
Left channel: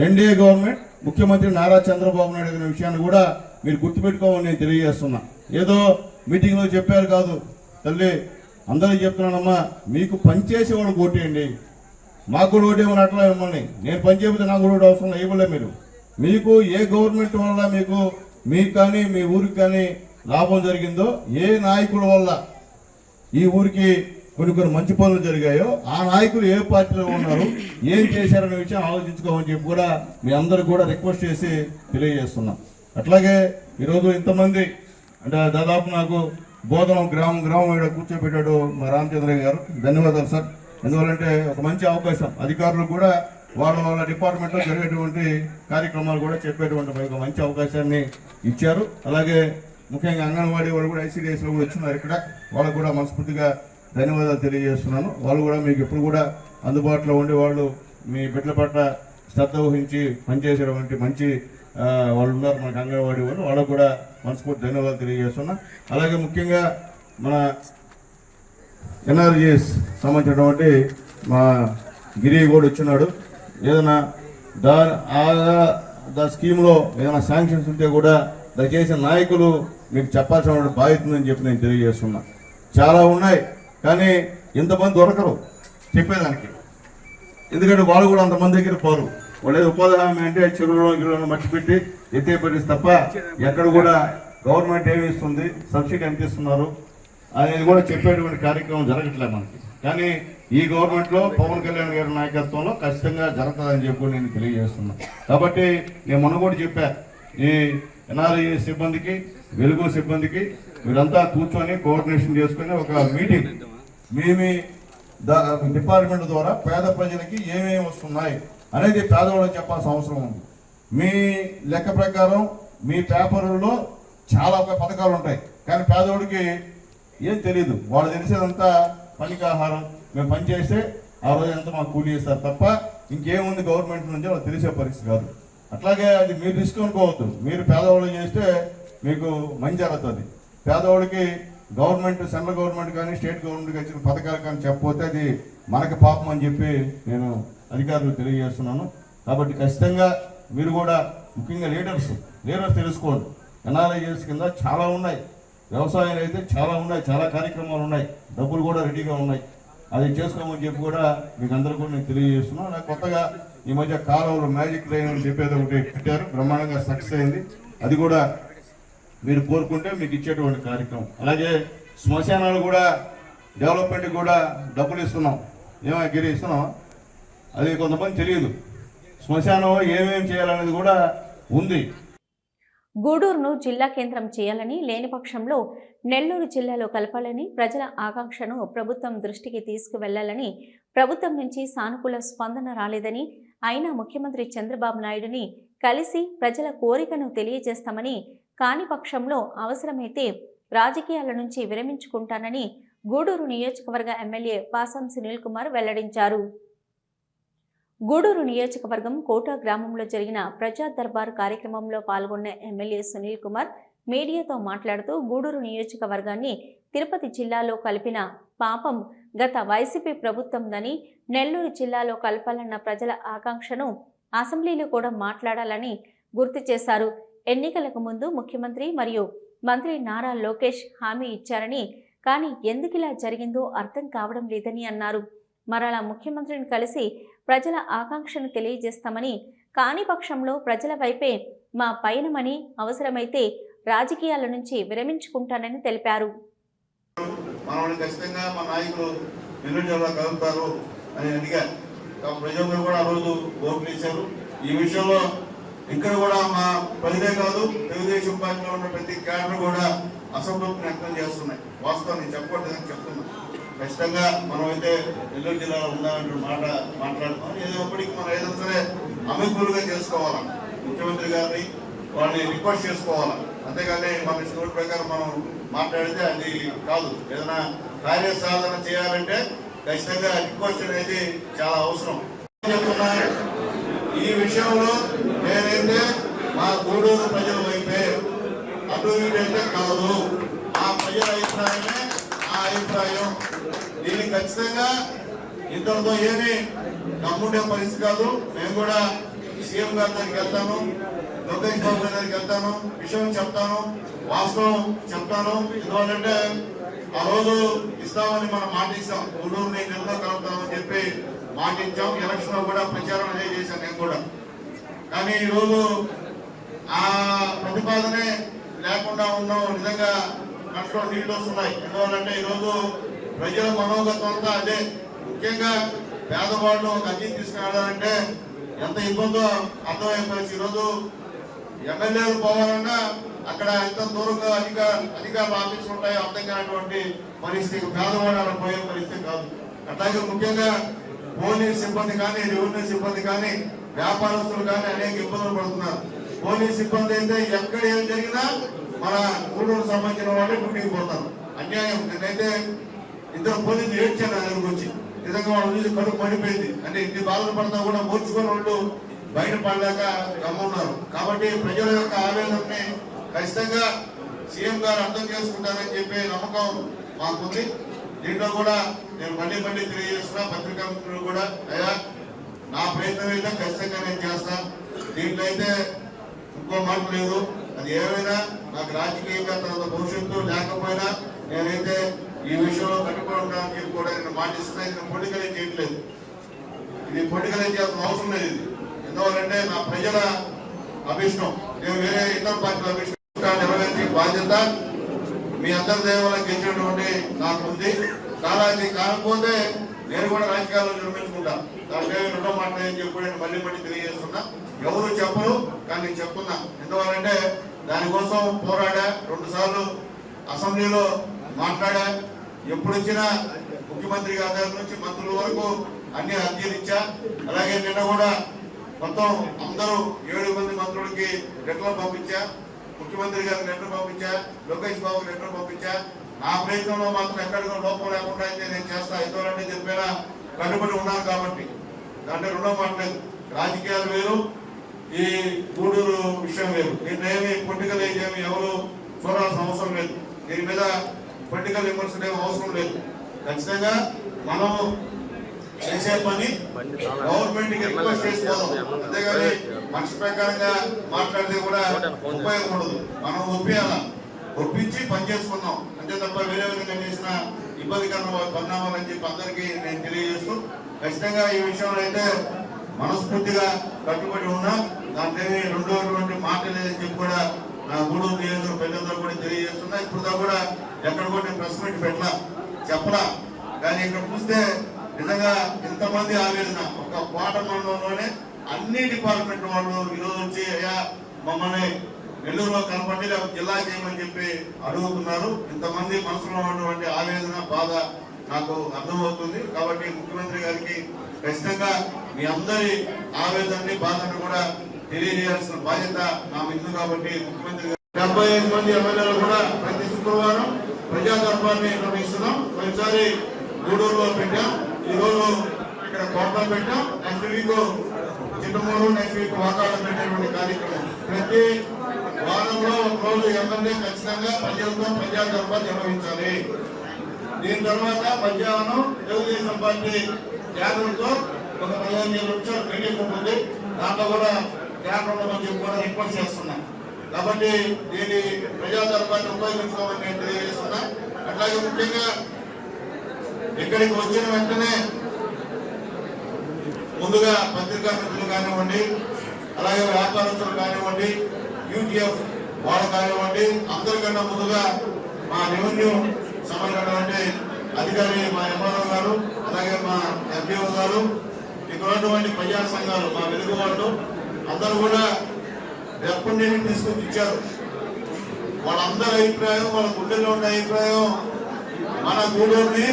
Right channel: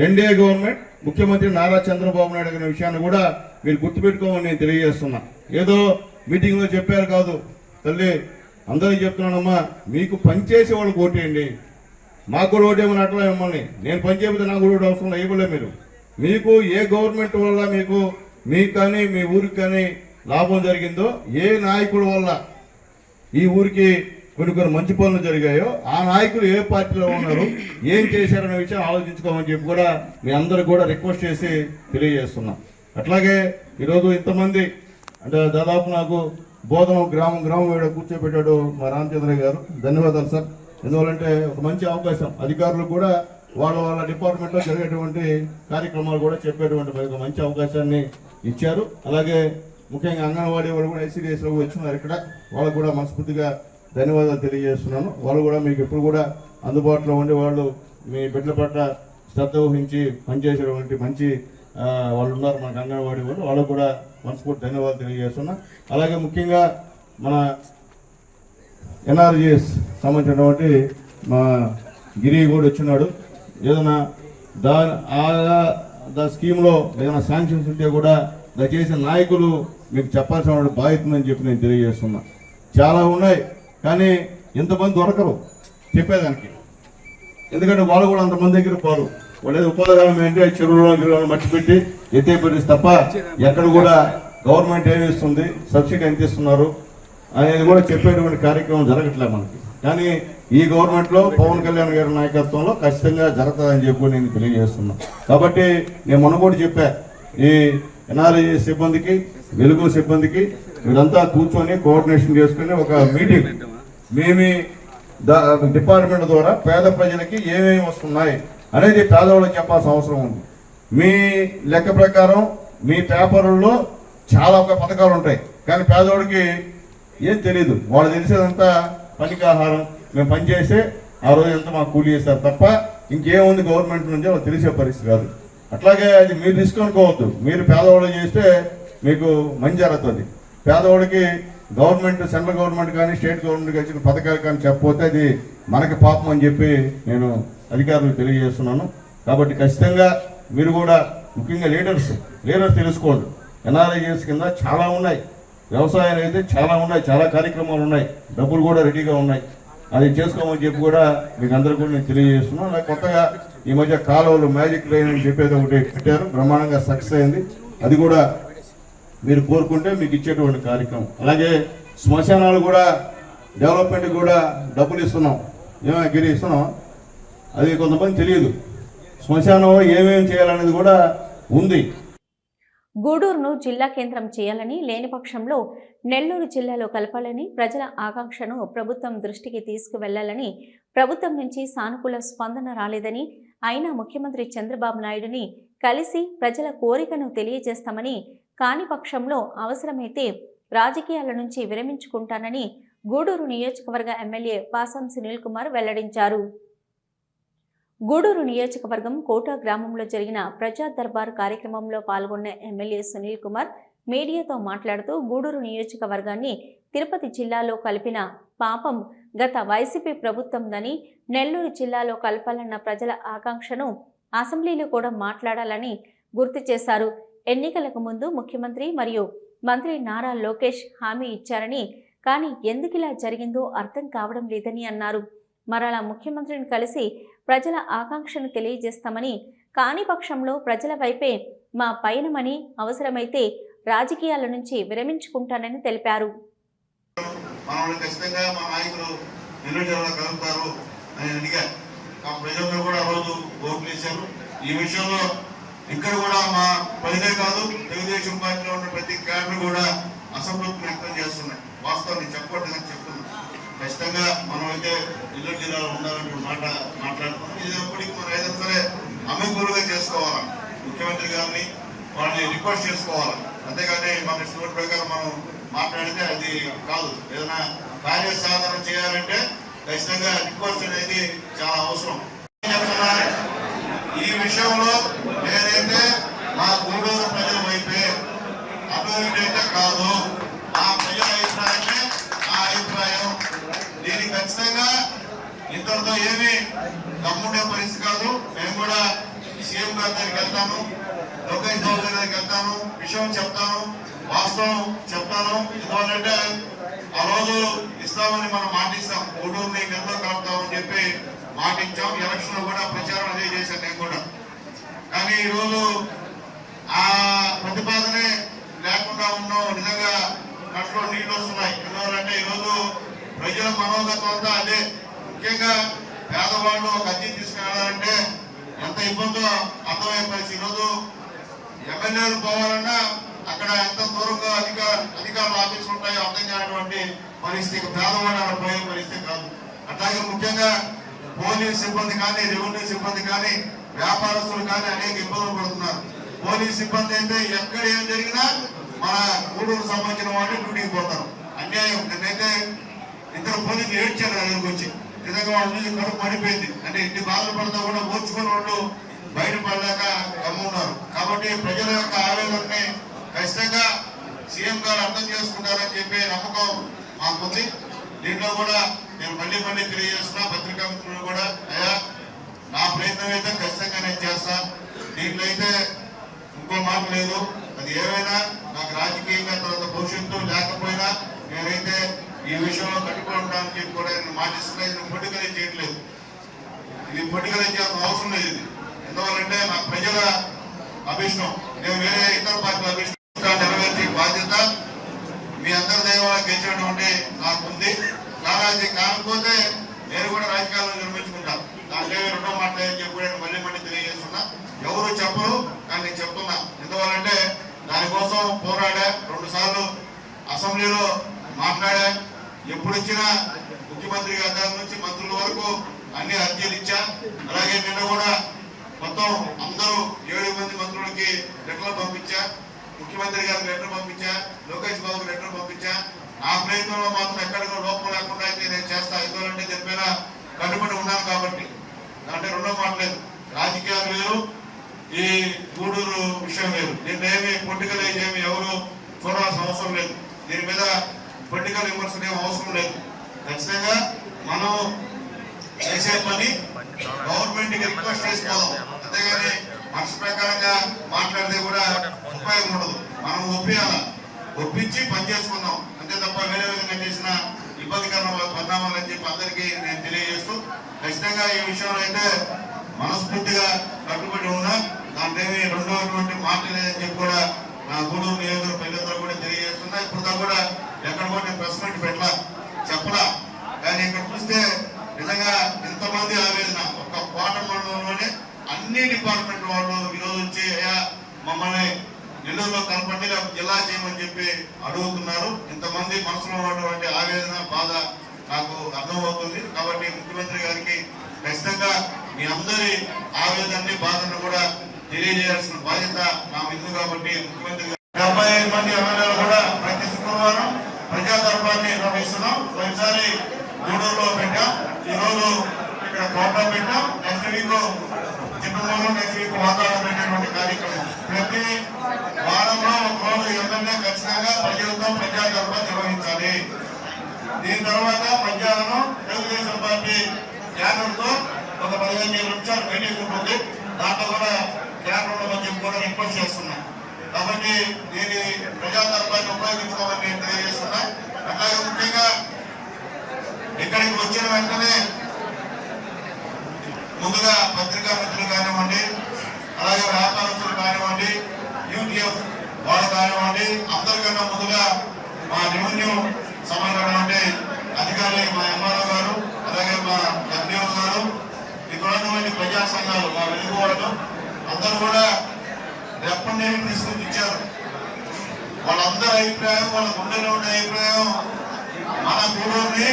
ఎన్డీఏ గవర్నమెంట్, ముఖ్యమంత్రి నారా చంద్రబాబు నాయుడు గారి విషయాన్ని కూడా మీరు గుర్తుపెట్టుకోమని నేను తెలియజేస్తున్నా. ఏదో మీటింగ్ లో చెప్పారు కాదు తల్లి, అందరికీ చెప్తున్నానమ్మా, మీకు పనిచేసే వాళ్ళకి ఓటేయండి. మాకు కూడా ఓటేయమని అట్లా మిమ్మల్ని నేను పని చేపితే నాకు కూడా అవసరం ఇవ్వలే. మీకు ఏ గవర్నమెంట్ వల్ల మీకు కానీ మీ ఊరికి కానీ లాభం జరిగిందో, ఏ నాయకుల వల్ల ఈ ఊరికి కొన్ని మంచి పనులు జరిగాయో ఆ నాయకులు ఏ పార్టీలో ఉన్నారు, ఏం చేశారనే విషయం ఆలోచించుకోమని చెప్పి కూడా మీ అందరికి కూడా రిక్వెస్ట్ చేసి తెలియజేస్తున్నా. అట్లాగే ఈరోజు ఇంతమంది అంటే దాదాపు నాకు బోధనం గ్రామం ఇక్కడ కూర్చోబెట్టాడు మా రామచంద్రయ్య గారు. ధన్యవాదాలు సార్. ఎందువల్లంటే ఒక మంచి అవకాశం అధికారులు కూడా వాళ్ళ డిపార్ట్మెంట్లో జరిగేటువంటి కార్యక్రమాలు కూడా చెప్పేటువంటి ఒక మంచి అవకాశాన్ని ఇచ్చారు. అలాగే ముఖ్యంగా అంగన్వాడీ వాళ్ళు కూడా ఐసీడీఎస్లో వచ్చినారు ఇక్కడ, వాళ్ళకు కూడా మనస్ఫూర్తిగా ధన్యవాదాలు తెలియజేస్తున్నాను. వాళ్ళు కూడా మీకు ఎప్పుడు కూడా అందుబాటులో ఉండి వాళ్ళు మీ బిడ్డల పట్ల శ్రద్ధ వహించి పనిచేసేటువంటి మంచి వాళ్ళు ఉన్నారు మనకు అంగన్వాడీ వాళ్ళు, వాళ్ళకు కూడా మనస్ఫూర్తి ధన్యవాదాలు తెలియజేస్తున్నా. అలాగే ముఖ్యంగా మన ఎన్ఆర్జీఎస్ సంబంధించినటువంటి మా గిరి కూడా వచ్చినాడు. ఏదైనా దాని స్కీమ్లో ఏదైనా శాంక్షన్స్ ఉంటే కూడా దయచేసి నాయకులు మీకు చెప్పాల్సిన బాధ్యత ఉందని చెప్పి నేను తెలియజేస్తున్నా. చాలా ఉన్నాయి కానీ ఇంతమంది దొరకరు చెప్పేదానికి, ఎందుకంటే వాళ్ళు కూడా అంతమంది దగ్గర పోరు. వాళ్ళు ఏదో ఉపాధి హామీ అంటే చెరువులో మట్టి పెట్టి ఎత్తే పెట్టేసి తప్ప ఎక్కడ కూడా గవర్నమెంట్ ఏమి ఇస్తుంది, సబ్సిడీ ఎంత ఇస్తున్నారు అనేది కూడా చెప్పేటువంటి కార్యక్రమం జరగట్లేదు మనకి. కానీ ఈ గవర్నమెంట్లో పవన్ కళ్యాణ్ గారి నాయకత్వంలో ఖచ్చితంగా జరుగుతుందని చెప్పి నేను తెలియజేస్తున్నా. కాబట్టి నేను మొన్న కూడా చెప్పా, ఈ ఎన్ఆర్ఐ సిబ్బందికి వెలుగు సిబ్బందికి వీళ్ళంతా కూర్చొని కోఆర్డినేషన్ చేసుకుని ఒక మీటింగ్ మేమి డిపార్ట్మెంట్ ద్వారా పేద ప్రజలకి ఏమేమి వస్తున్నాయి అనేది పేదవాళ్ళకి చెప్పాల్సిన అవసరం ఉంది. మీ లెక్క ప్రకారం మీ పేపర్లలో చాలా పథకాలు ఉంటాయి కానీ పేదవాడికి ఏం తెలియదు. వాళ్ళు తెలిసేదంతా పనికాహారం, మేము పనిచేస్తే ఆ రోజు ఎంత మాకు కూలి చేస్తారు తప్ప ఇంకేముంది గవర్నమెంట్ నుంచి వాళ్ళు తెలిసే పరిస్థితి కాదు. అట్లాగే అది మీరు తీసుకొనుకోవద్దు. మీరు పేదవాళ్ళు చేస్తే మీకు మంచి జరుగుతుంది. పేదవాడికి గవర్నమెంట్ సెంట్రల్ గవర్నమెంట్ కానీ స్టేట్ గవర్నమెంట్ ఇచ్చిన పథకాలు కానీ చెప్పకపోతే అది మనకి పాపం అని చెప్పి నేను అధికారులకు తెలియజేస్తున్నాను. కాబట్టి ఖచ్చితంగా మీరు కూడా ముఖ్యంగా లీడర్స్ తెలుసుకోండి. ఎన్ఆర్ఐఎస్ కింద చాలా ఉన్నాయి, వ్యవసాయాలు అయితే చాలా ఉన్నాయి, చాలా కార్యక్రమాలు ఉన్నాయి, డబ్బులు కూడా రెడీగా ఉన్నాయి. అది చేసుకోమని చెప్పి కూడా మీకు అందరికీ కూడా నేను తెలియజేస్తున్నాను. నాకు కొత్తగా ఈ మధ్య కాలువలు మ్యాజిక్ లైన్ అని చెప్పేది ఒకటి పెట్టారు, బ్రహ్మాండంగా సక్సెస్ అయింది. అది కూడా మీరు కోరుకుంటే మీకు ఇచ్చేటువంటి కార్యక్రమం. అలాగే శ్మశానాలు కూడా డెవలప్మెంట్కి కూడా డబ్బులు ఇస్తున్నాం. ఏమైనా గిరి ఇస్తున్నాం, అది కొంతమంది తెలియదు. శ్మశానంలో ఏమేమి చేయాలనేది కూడా ఉంది. గూడూరును జిల్లా కేంద్రం చేయాలని, లేని పక్షంలో నెల్లూరు జిల్లాలో కలపాలని ప్రజల ఆకాంక్షను ప్రభుత్వం దృష్టికి తీసుకువెళ్లాలని, ప్రభుత్వం నుంచి సానుకూల స్పందన రాలేదని, అయినా ముఖ్యమంత్రి చంద్రబాబు నాయుడుని కలిసి ప్రజల కోరికను తెలియజేస్తామని, కాని పక్షంలో అవసరమైతే రాజకీయాల నుంచి విరమించుకుంటానని గూడూరు నియోజకవర్గ ఎమ్మెల్యే పాసం సునీల్ కుమార్ వెల్లడించారు. గూడూరు నియోజకవర్గం కోట గ్రామంలో జరిగిన ప్రజా దర్బార్ కార్యక్రమంలో పాల్గొన్న ఎమ్మెల్యే సునీల్ కుమార్ మీడియాతో మాట్లాడుతూ గూడూరు నియోజకవర్గాన్ని తిరుపతి జిల్లాలో కలిపిన పాపం గత వైసీపీ ప్రభుత్వందని, నెల్లూరు జిల్లాలో కలపాలన్న ప్రజల ఆకాంక్షను అసెంబ్లీలో కూడా మాట్లాడాలని గుర్తు చేశారు. ఎన్నికలకు ముందు ముఖ్యమంత్రి మరియు మంత్రి నారా లోకేష్ హామీ ఇచ్చారని, కానీ ఎందుకిలా జరిగిందో అర్థం కావడం లేదని అన్నారు. మరలా ముఖ్యమంత్రిని కలిసి ప్రజల ఆకాంక్షను తెలియజేస్తామని, కాని పక్షంలో ప్రజల వైపే మా పయనమని, అవసరమైతే రాజకీయాల నుంచి విరమించుకుంటానని తెలిపారు. ఇక్కడ కూడా మా ప్రజలే కాదు తెలుగుదేశం పార్టీలో ఉన్న ప్రతి క్యాడర్ కూడా అసంతృప్తి వ్యక్తం చేస్తున్నాయి. వాస్తవం నేను చెప్పకూడదని చెప్తున్నా. ఖచ్చితంగా మనం అయితే నెల్లూరు జిల్లాలో ఉండాలంటే మాట్లాడుతున్నాం. ఏదైనప్పటికీ మనం ఏదైనా సరే అమలుగా చేసుకోవాలి. ముఖ్యమంత్రి గారిని వాళ్ళని రిక్వెస్ట్ చేసుకోవాలి. అంతేగాని మన ఇష్టం ప్రకారం మనం మాట్లాడితే అది కాదు. ఏదైనా కార్యసాధన చేయాలంటే ఖచ్చితంగా రిక్వెస్ట్ అనేది చాలా అవసరం. చెప్తున్నా ఈ విషయంలో నేనైతే మా గూడూరు ప్రజల వైపే, అటు అయితే కాదు. ఆ ప్రజల అభిప్రాయమే నా అభిప్రాయం. దీనికి ఖచ్చితంగా ఇంతటితో ఏమీ నమ్ముండే పరిస్థితి కాదు. మేము కూడా సీఎం గారి దగ్గరికి వెళ్తాను, లోకేష్ బాబు గారి దగ్గరికి వెళ్తాను, విషయం చెప్తాను, వాస్తవం చెప్తాను. ఎందువల్లంటే ఆ రోజు ఇస్తామని మనం మాట ఇస్తాం, గూడూరుని ఎంతో కలుపుతామని చెప్పి మాట ఇచ్చాం. ఎలక్షన్ లో కూడా ప్రచారం అదే చేశాను నేను కూడా. కానీ ఈరోజు ఆ ప్రతిపాదనే లేకుండా ఉన్నాం. నిజంగా కట్లో నీళ్లు వస్తున్నాయి. ఎందువల్లంటే ఈరోజు ప్రజల మనోగతం అంతా అదే. ముఖ్యంగా పేదవాళ్ళు ఒక అద్దె తీసుకెళ్ళాలంటే ఎంత ఇబ్బందో అర్థమయ్యే పరిస్థితి. ఈరోజు ఎమ్మెల్యేలు పోవాలన్నా అక్కడ ఎంత దూరంగా అధికారుల ఆఫీసులు ఉంటాయో అర్థం కానటువంటి పరిస్థితి, పేదవాడ పోయే పరిస్థితి కాదు. అట్లాగే ముఖ్యంగా పోలీస్ సిబ్బంది కానీ, రెవెన్యూ సిబ్బంది కానీ, వ్యాపారస్తులు కానీ అనేక ఇబ్బందులు పడుతున్నారు. పోలీస్ సిబ్బంది అయితే ఎక్కడ ఏం జరిగినా మన గూడూరు సంబంధించిన వాళ్ళు డ్యూటీకి పోతారు. అన్యాయం. నేనైతే ఇద్దరు పోలీసులు ఏడ్చాను దగ్గరకు వచ్చి, నిజంగా వాళ్ళ నుంచి కడుపు పడిపోయింది. అంటే ఇన్ని బాధలు పడతా కూడా ఓర్చుకొని వాళ్ళు బయటపడలేక గమ్మున్నారు. కాబట్టి ప్రజల యొక్క ఆవేదనని ఖచ్చితంగా సీఎం గారు అర్థం చేసుకుంటారని చెప్పే నమ్మకం మాకుంది. దీంట్లో కూడా నేను మళ్ళీ తెలియజేస్తున్నా పత్రికా మిత్రులు కూడా, అయ్యా నా ప్రయత్నం అయితే ఖచ్చితంగా నేను చేస్తాను. దీంట్లో అయితే ఇంకో మాట లేదు. అది ఏమైనా నాకు రాజకీయవేత్తలు అంత భవిష్యత్తు లేకపోయినా నేనైతే ఈ విషయంలో కట్టుకోవడానికి కూడా నేను మాటిస్తున్నా. ఇది పొలిటికల్ చేయట్లేదు, ఇది పొలిటికల్ చేయాల్సిన అవసరం లేదు. ఇది ఎందువల్లంటే నా ప్రజల అభిష్టం, నేను వేరే ఇతర పార్టీల అభిష్టం నెరవేర్చే బాధ్యత మీ అందరి దైవాలకు గెలిచినటువంటి నాకు ఉంది. కాకపోతే నేను కూడా రాజకీయాల్లో నిర్మించుకుంటాను. దాంట్లో రెండో మాట్లాడని చెప్పి నేను మళ్ళీ తెలియజేస్తున్నా. ఎవరు చెప్పరు కానీ నేను చెప్తున్నా. ఎందువల్లంటే దానికోసం పోరాడా, 2 సార్లు అసెంబ్లీలో మాట్లాడా. ఎప్పుడు ఇచ్చినా ముఖ్యమంత్రి గారి నుంచి మంత్రుల వరకు అన్ని అర్జీలు ఇచ్చా. అలాగే నిన్న కూడా మొత్తం అందరూ 7 మంది మంత్రులకి లెటర్లు పంపించా. ముఖ్యమంత్రి గారికి లెటర్ పంపించా, లోకేష్ బాబుకి లెటర్ పంపించా. ఆ ప్రయత్నంలో మాత్రం ఎక్కడికో లోపం లేకుండా అయితే నేను చేస్తా. ఎందుకంటే చెప్పినా కట్టుబడి ఉన్నాను కాబట్టి. అంటే రెండో మాట్లేదు, రాజకీయాలు వేరు, ఈ గూడూరు విషయం వేరు. దీన్ని పొలిటికల్ ఏమి ఎవరు చూడాల్సిన అవసరం లేదు. దీని మీద పొలిటికల్ విమర్శలు ఏమి అవసరం లేదు. ఖచ్చితంగా మనం చేసే పని గవర్నమెంట్ కి రిక్వెస్ట్ చేసుకోదాం. అంతేగాని మనిషి ప్రకారంగా మాట్లాడితే కూడా ఉపయోగం ఉండదు. మనం ఒప్పించి పని చేసుకుందాం అంతే తప్ప వేరే విధంగా చేసిన ఇబ్బందికరమైన పరిణామాలని చెప్పి అందరికీ నేను తెలియజేస్తూ, ఖచ్చితంగా ఈ విషయంలో అయితే మనస్ఫూర్తిగా కట్టుబడి ఉన్నా. దాంట్లో రెండోటువంటి మాట లేదని చెప్పి కూడా నా గూడూరు నియోజకవర్గ ప్రజలందరూ కూడా తెలియజేస్తున్నా. ఇప్పుడు కూడా ఎక్కడ కూడా ప్రెస్ మీట్ పెట్టలా, చెప్పలా. కానీ ఇక్కడ చూస్తే నిజంగా ఎంతమంది ఆవేదన, ఒక కోట మండలంలోనే అన్ని డిపార్ట్మెంట్ వాళ్ళు ఈరోజు వచ్చి మమ్మల్ని నెల్లూరులో కనపడి జిల్లా చేయమని చెప్పి అడుగుతున్నారు. ఇంతమంది మనసులో ఉన్నటువంటి ఆవేదన, బాధ నాకు అర్థమవుతుంది. కాబట్టి ముఖ్యమంత్రి గారికి ఖచ్చితంగా మీ అందరి ఆవేదనని, బాధను కూడా తెలియజేయాల్సిన బాధ్యత నా మీద. కాబట్టి ముఖ్యమంత్రి గారు 75 మంది ఎమ్మెల్యేలు కూడా ప్రతి శుక్రవారం ప్రజా దర్బార్ని నిర్వహిస్తున్నాం. ఒకసారి గూడూరులో పెట్టాం, ఈ రోజు ఇక్కడ కోటలో పెట్టాం, నెక్స్ట్ వీక్ చిత్తూరులో, నెక్స్ట్ వీక్ వాతావరణం పెట్టేటువంటి కార్యక్రమం. ప్రతి వారంలో ఒక రోజు ఎమ్మెల్యే ఖచ్చితంగా ప్రజలతో ప్రజా దర్బార్ నిర్వహించాలి. దీని తర్వాత మధ్యాహ్నం తెలుగుదేశం పార్టీ క్యాడర్తో ఒక 15 నిమిషాలు మీటింగ్ ఉంటుంది. దాంట్లో కూడా క్యాడర్ మంది కూడా రిక్వెస్ట్ చేస్తున్నాం. కాబట్టి దీని ప్రజా దర్బార్ని ఉపయోగించుకోవాలని నేను తెలియజేస్తున్నా. అట్లాగే ముఖ్యంగా ఇక్కడికి వచ్చిన వెంటనే ముందుగా పత్రికా మిత్రులు కానివ్వండి, అలాగే వ్యాపారస్తులు కానివ్వండి, యూటీఎఫ్ వాళ్ళు కానివ్వండి, అందరికన్నా ముందుగా మా రెవెన్యూ సంబంధించినటువంటి అధికారి మా ఎంఆర్ఓ గారు, అలాగే మా ఎంపీఓ గారు, ఇక్కడ ఉన్నటువంటి ప్రజా సంఘాలు, మా వెలుగు వాళ్ళు అందరూ కూడా ఎప్పటి తీసుకొచ్చి ఇచ్చారు. వాళ్ళందరి అభిప్రాయం, వాళ్ళ గుండెల్లో ఉండే అభిప్రాయం మన గూడూరుని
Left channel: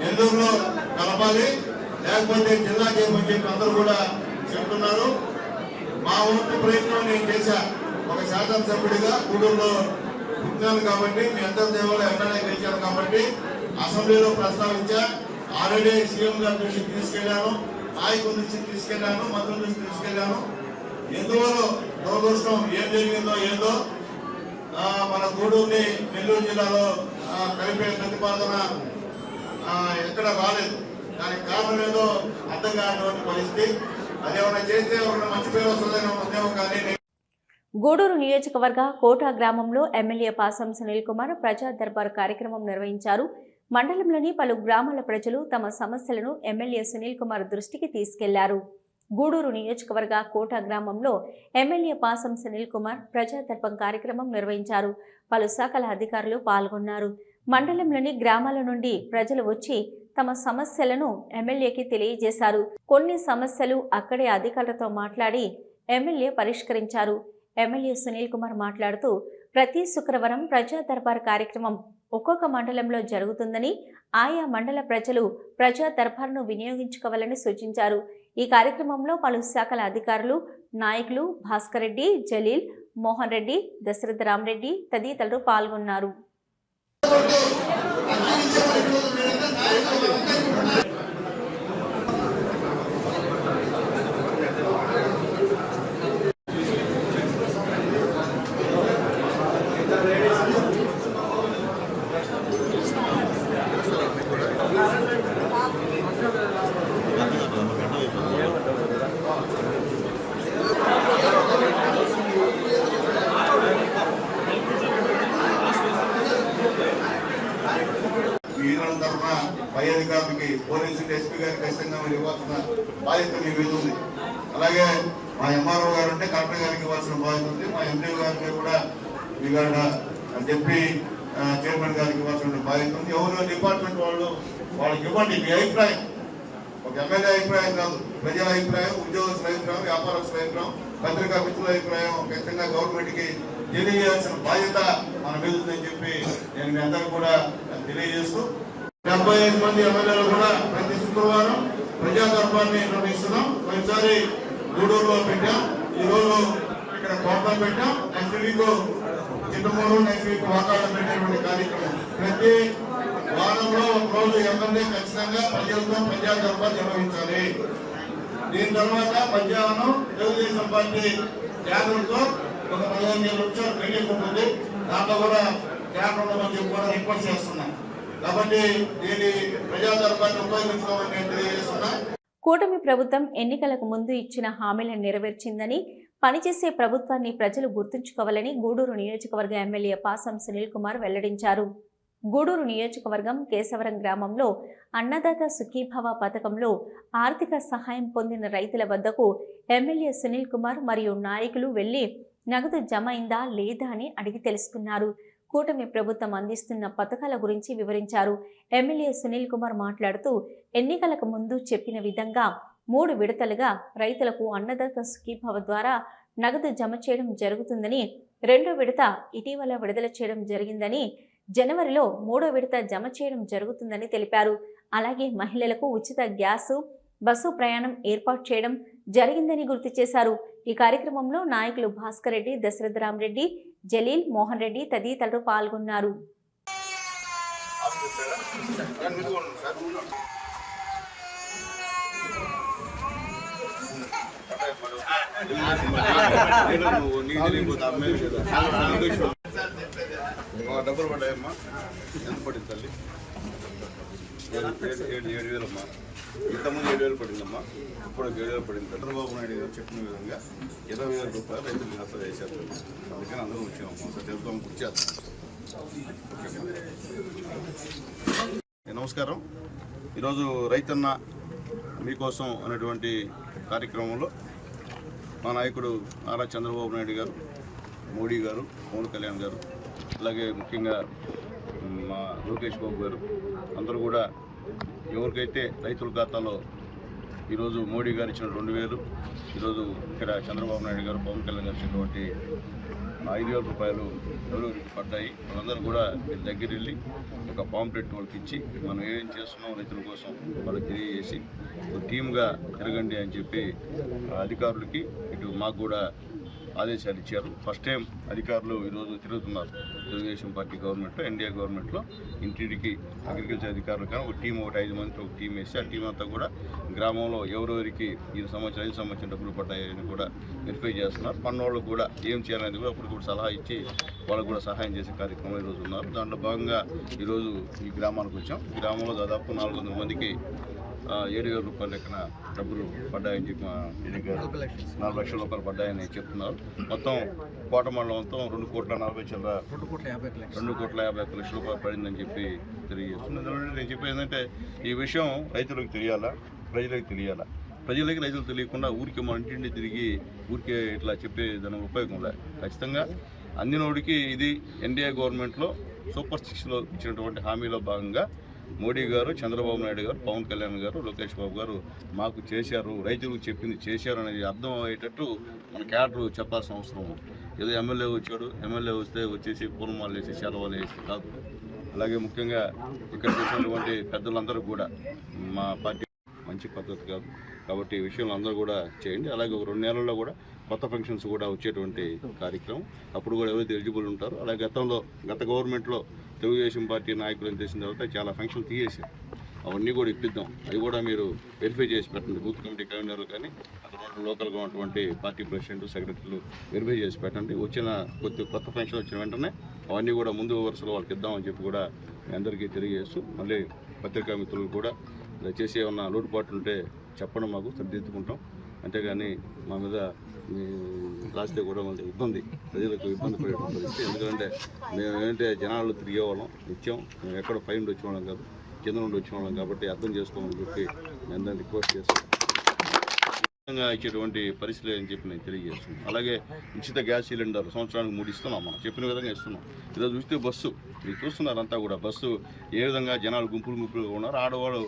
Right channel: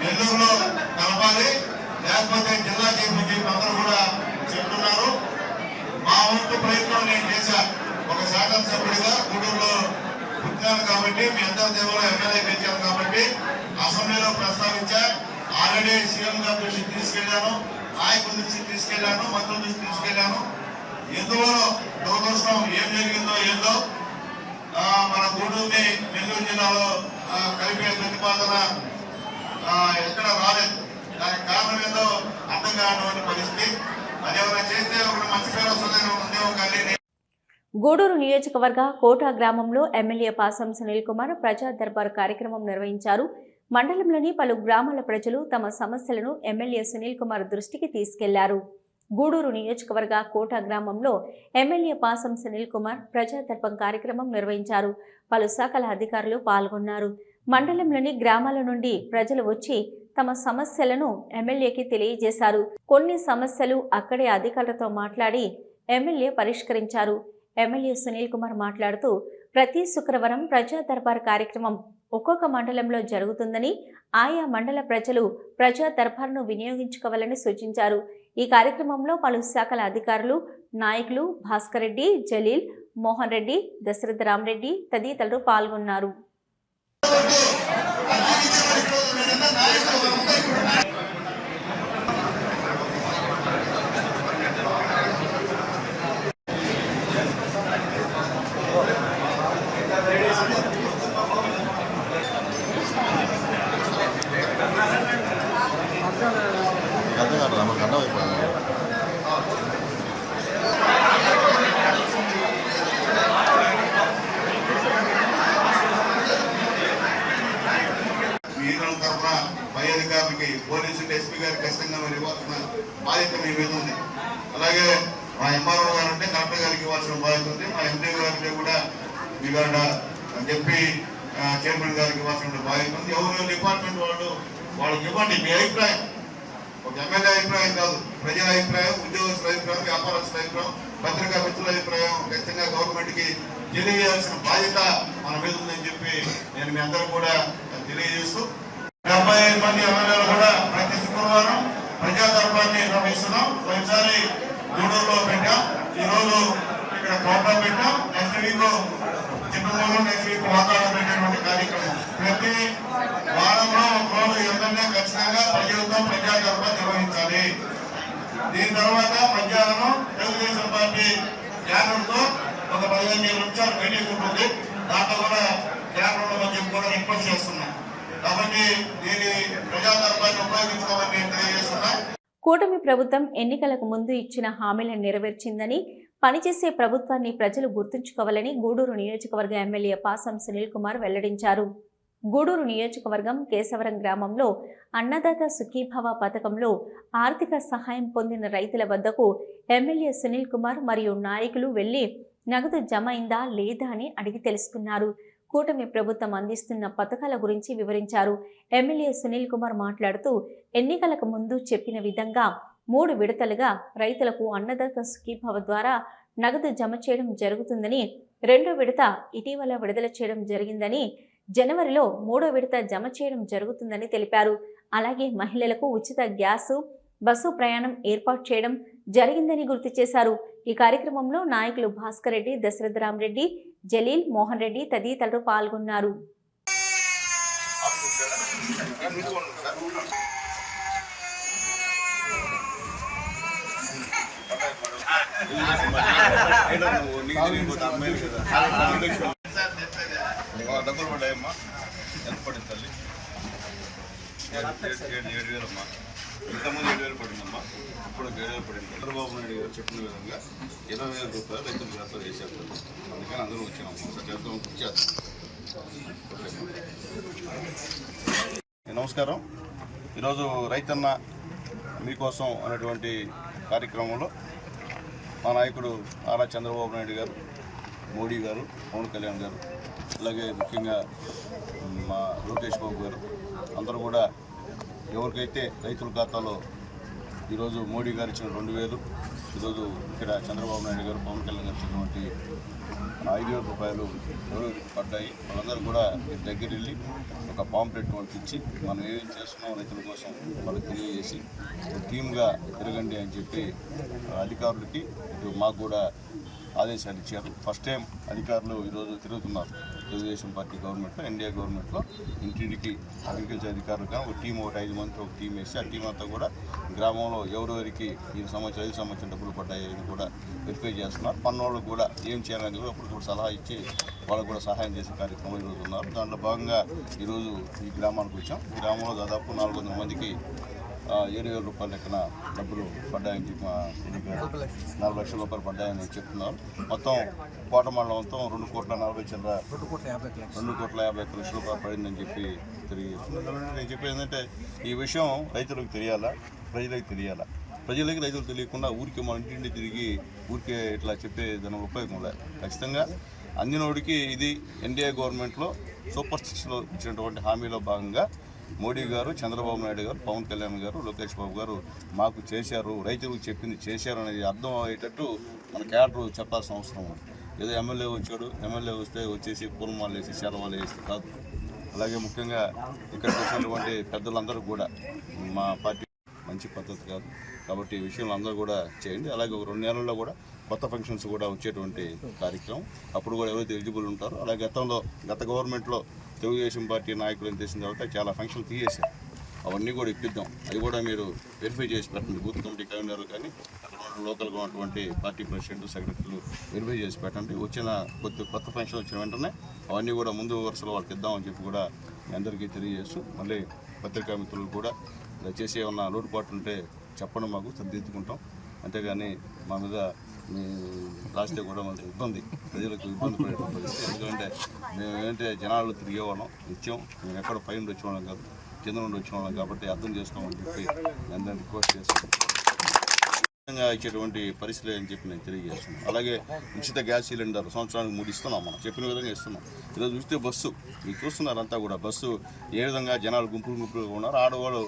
నెల్లూరులో కలపాలి, లేకపోతే జిల్లా చేయమని చెప్పి అందరూ కూడా చెప్తున్నారు. మా వంతు ప్రయత్నం నేను చేశా. ఒక శాసనసభ్యుడిగా గూడూరులో పుట్టినాను కాబట్టి, మీ అందరి దేవుడు ఎమ్మెల్యే గెలిచాను కాబట్టి అసెంబ్లీలో ప్రస్తావించా. ఆల్రెడీ సీఎం గారి దృష్టికి తీసుకెళ్లాను, నాయకుల దృష్టికి తీసుకెళ్లాను, మంత్రుల దృష్టికి తీసుకెళ్లాను. ఎందువల్ల దురదృష్టం ఏం జరిగిందో ఏందో మన గూడూరుని నెల్లూరు జిల్లాలో కలిపే ప్రతిపాదన ఎక్కడ రాలేదు. దానికి కారణం ఏదో అర్థం కానటువంటి పరిస్థితి. అదేమైనా చేస్తే ఒక మంచి పేరు వస్తుందేమో ఉందేమో కానీ. గూడూరు నియోజకవర్గ కోట గ్రామంలో ఎమ్మెల్యే పాసం సునీల్ కుమార్ ప్రజా దర్బార్ కార్యక్రమం నిర్వహించారు. మండలంలోని పలు గ్రామాల ప్రజలు తమ సమస్యలను ఎమ్మెల్యే సునీల్ కుమార్ దృష్టికి తీసుకెళ్లారు. గూడూరు నియోజకవర్గ కోట గ్రామంలో ఎమ్మెల్యే పాసం సునీల్ కుమార్ ప్రజా దర్బార్ కార్యక్రమం నిర్వహించారు. పలు శాఖల అధికారులు పాల్గొన్నారు. మండలంలోని గ్రామాల నుండి ప్రజలు వచ్చి తమ సమస్యలను ఎమ్మెల్యేకి తెలియజేశారు. కొన్ని సమస్యలు అక్కడే అధికారులతో మాట్లాడి ఎమ్మెల్యే పరిష్కరించారు. ఎమ్మెల్యే సునీల్ కుమార్ మాట్లాడుతూ ప్రతి శుక్రవారం ప్రజా దర్బార్ కార్యక్రమం ఒక్కొక్క మండలంలో జరుగుతుందని, ఆయా మండల ప్రజలు ప్రజా దర్బార్ను వినియోగించుకోవాలని సూచించారు. ఈ కార్యక్రమంలో పలు శాఖల అధికారులు, నాయకులు భాస్కర్ రెడ్డి, జలీల్, మోహన్ రెడ్డి, దశరథ రామరెడ్డి తదితరులు పాల్గొన్నారు. పై అధికారులకి పోలీసు ఎస్పీ గారికి ఖచ్చితంగా మీరు ఇవ్వాల్సిన బాధ్యత మీ మీద ఉంది. అలాగే మా ఎంఆర్ఓ గారు అంటే కలెక్టర్ గారికి ఇవ్వాల్సిన బాధ్యత ఉంది. మా ఎంపీ గారికి కూడా ఇవాళ చెప్పి చైర్మన్ గారికి ఇవ్వాల్సిన బాధ్యత ఉంది. ఎవరు డిపార్ట్మెంట్ వాళ్ళకి ఇవ్వండి మీ అభిప్రాయం. ఒక ఎమ్మెల్యే అభిప్రాయం కాదు, ప్రజల అభిప్రాయం, ఉద్యోగస్తుల అభిప్రాయం, వ్యాపారస్తుల అభిప్రాయం, పత్రికా మిత్రుల అభిప్రాయం ఖచ్చితంగా గవర్నమెంట్కి తెలియజేయాల్సిన బాధ్యత మన మీద ఉందని చెప్పి నేను మీ అందరూ కూడా తెలియజేస్తూ 75 మంది ఎమ్మెల్యేలు కూడా ప్రతి శుక్రవారం ప్రజా దర్బార్ని నిర్వహిస్తున్నాం. ఒకసారి గూడూరులో పెట్టాం, ఈ రోజు ఇక్కడ కోటలో పెట్టాం, next week Chittoor, next week వాతావరణం పెట్టేటువంటి కార్యక్రమం. ప్రతి వారంలో ఒక రోజు ఎమ్మెల్యే ఖచ్చితంగా ప్రజలతో ప్రజా దర్బార్ నిర్వహించాలి. దీని తర్వాత మధ్యాహ్నం తెలుగుదేశం పార్టీ క్యాడర్తో ఒక 15 నిమిషాలు మీటింగ్ ఉంటుంది. దాంట్లో కూడా క్యాడర్ మంది కూడా రిక్వెస్ట్ చేస్తున్నాం. కాబట్టి దీని ప్రజా దర్బార్ని ఉపయోగించుకోవాలని నేను తెలియజేస్తున్నా. కూటమి ప్రభుత్వం ఎన్నికలకు ముందు ఇచ్చిన హామీలను నెరవేర్చిందని, పనిచేసే ప్రభుత్వాన్ని ప్రజలు గుర్తుంచుకోవాలని గూడూరు నియోజకవర్గ ఎమ్మెల్యే పాసం సునీల్ కుమార్ వెల్లడించారు. గూడూరు నియోజకవర్గం కేశవరం గ్రామంలో అన్నదాత సుఖీభవ పథకంలో ఆర్థిక సహాయం పొందిన రైతుల వద్దకు ఎమ్మెల్యే సునీల్ కుమార్ మరియు నాయకులు వెళ్లి నగదు జమ అయిందా లేదా అని అడిగి తెలుసుకున్నారు. కూటమి ప్రభుత్వం అందిస్తున్న పథకాల గురించి వివరించారు. ఎమ్మెల్యే సునీల్ కుమార్ మాట్లాడుతూ ఎన్నికలకు ముందు చెప్పిన విధంగా 3 విడతలుగా రైతులకు అన్నదాత సుఖీభవ ద్వారా నగదు జమ చేయడం జరుగుతుందని, 2వ విడత ఇటీవల విడుదల చేయడం జరిగిందని, జనవరిలో 3వ విడత జమ చేయడం జరుగుతుందని తెలిపారు. అలాగే మహిళలకు ఉచిత గ్యాసు, బస్సు ప్రయాణం ఏర్పాటు చేయడం జరిగిందని గుర్తు చేశారు. ఈ కార్యక్రమంలో నాయకులు భాస్కర్ రెడ్డి, దశరథ రామరెడ్డి, జలీల్, మోహన్ రెడ్డి తదితరులు పాల్గొన్నారు. డబ్బులు పడ్డాయమ్మా, ఎంత పడింది తల్లి? 7,000 అమ్మా. ఇంతకుముందు 7,000 పడిందమ్మా, ఇప్పుడు 7,000 పడింది. చంద్రబాబు నాయుడు గారు చెప్పిన విధంగా 20,000 రూపాయలు రైతులు ఖాతా చేసేస్తారు. అందుకని అందరూ వచ్చామమ్మా, సార్ చెప్తాం, గుర్తు చేస్తాం. ఓకే, నమస్కారం. ఈరోజు రైతన్న మీకోసం అనేటువంటి కార్యక్రమంలో మా నాయకుడు నారా చంద్రబాబు నాయుడు గారు, మోడీ గారు, పవన్ కళ్యాణ్ గారు, అలాగే ముఖ్యంగా మా లోకేష్ బాబు గారు అందరూ కూడా ఎవరికైతే రైతుల ఖాతాలో ఈరోజు మోడీ గారు ఇచ్చిన 2,000, ఈరోజు ఇక్కడ చంద్రబాబు నాయుడు గారు, పవన్ కళ్యాణ్ గారు ఇచ్చినటువంటి 5,000 రూపాయలు ఎవరెవరికి పడ్డాయి వాళ్ళందరూ కూడా దగ్గర వెళ్ళి ఒక పాంప్లెట్ వాళ్ళకి ఇచ్చి మనం ఏం చేస్తున్నాం రైతుల కోసం వాళ్ళకి తెలియజేసి టీమ్గా తిరగండి అని చెప్పి అధికారులకి ఇటు మాకు కూడా ఆదేశాలు ఇచ్చారు. ఫస్ట్ టైం అధికారులు ఈరోజు తిరుగుతున్నారు. తెలుగుదేశం పార్టీ గవర్నమెంట్లో, ఎన్డీఏ గవర్నమెంట్లో ఇంటింటికి అగ్రికల్చర్ అధికారులు కానీ ఒక టీం, 5 మందితో ఒక టీం వేసి ఆ టీం అంతా కూడా గ్రామంలో ఎవరెవరికి 5 సంవత్సరం డబ్బులు పడ్డాయని కూడా వెరిఫై చేస్తున్నారు. పన్నోళ్ళకు కూడా ఏం చేయాలనేది కూడా అప్పటికప్పుడు సలహా ఇచ్చి వాళ్ళకు కూడా సహాయం చేసే కార్యక్రమం ఈరోజు ఉన్నారు. దాంట్లో భాగంగా ఈరోజు ఈ గ్రామానికి వచ్చాం. గ్రామంలో దాదాపు 400 మందికి 7,000 రూపాయల లెక్కన డబ్బులు పడ్డాయని చెప్పి 4 లక్షల రూపాయలు పడ్డాయని చెప్తున్నారు. మొత్తం కోట మండలం మొత్తం 2,50 లక్షల రూపాయలు పడిందని చెప్పి తెలియజేస్తున్నారు. నేను చెప్పేది ఏంటంటే ఈ విషయం రైతులకు తెలియాలా, ప్రజలకు తెలియాలా. రైతులు తెలియకుండా ఊరికే మన ఇంటింటి తిరిగి ఊరికే ఇట్లా చెప్పే దాని ఉపయోగం లేదు. ఖచ్చితంగా అందినోడికి ఇది ఎన్డీఏ గవర్నమెంట్లో సూపర్ 6లో ఇచ్చినటువంటి హామీలో భాగంగా మోడీ గారు, చంద్రబాబు నాయుడు గారు, పవన్ కళ్యాణ్ గారు, లోకేష్ బాబు గారు మాకు చేశారు, రైతులకు చెప్పింది చేశారు అనేది అర్థం అయ్యేటట్టు మన క్యాడర్ చెప్పాల్సిన అవసరం ఉంది. ఏదో ఎమ్మెల్యే వచ్చాడు, ఎమ్మెల్యే వస్తే వచ్చేసి పూర్వమాలు వేసి సెలవులు వేసి కాదు. అలాగే ముఖ్యంగా ఇక్కడికి వచ్చినటువంటి పెద్దలందరూ కూడా మా పార్టీ మంచి పద్ధతి కాదు కాబట్టి ఈ విషయంలో అందరూ కూడా చేయండి. అలాగే ఒక 2 నెలల్లో కూడా కొత్త ఫంక్షన్స్ కూడా వచ్చేటువంటి కార్యక్రమం, అప్పుడు కూడా ఎవరైతే ఎలిజిబుల్ ఉంటారో. అలాగే గత గవర్నమెంట్లో తెలుగుదేశం పార్టీ నాయకులను చేసిన తర్వాత చాలా ఫంక్షన్లు తీసేశారు, అవన్నీ కూడా ఇప్పిద్దాం. అవి కూడా మీరు వెరిఫై చేసి పెట్టండి. బూత్ కమిటీ కన్వీనర్లు కానీ అక్కడ లోకల్గా ఉన్నటువంటి పార్టీ ప్రెసిడెంట్, సెక్రటరీలు వెరిఫై చేసి పెట్టండి. కొత్త ఫంక్షన్ వచ్చిన వెంటనే అవన్నీ కూడా ముందు వరుసలో వాళ్ళకి ఇద్దామని చెప్పి కూడా మీ అందరికీ తెలియజేస్తూ, మళ్ళీ పత్రికా మిత్రులు కూడా దయచేసి ఏమన్నా లోటుపాట్లు ఉంటే చెప్పడం, మాకు సర్దిద్దుకుంటాం. అంతేగాని మా మీద రాస్తే కూడా మళ్ళీ ఇబ్బంది, ప్రజలకు ఇబ్బంది పడే పరిస్థితి. ఎందుకంటే మేము ఏంటంటే జనాలు తిరిగేవాళ్ళం నిత్యం, మేము ఎక్కడ పై నుండి వచ్చేవాళ్ళం కాదు, కింద నుండి వచ్చేవాళ్ళం. కాబట్టి అర్థం చేసుకోమని చెప్పి నేను అందరినీ రిక్వెస్ట్ చేస్తాను. ఇచ్చేటువంటి పరిస్థితులు అని చెప్పి నేను తెలియజేస్తున్నాను. అలాగే ఉచిత గ్యాస్ సిలిండర్ సంవత్సరానికి 3 ఇస్తున్నాం, మనం చెప్పిన విధంగా ఇస్తున్నాం. ఈరోజు చూస్తే బస్సు మీరు చూస్తున్నారంతా కూడా, బస్సు ఏ విధంగా జనాలు గుంపులుగా ఉన్నారు. ఆడవాళ్ళు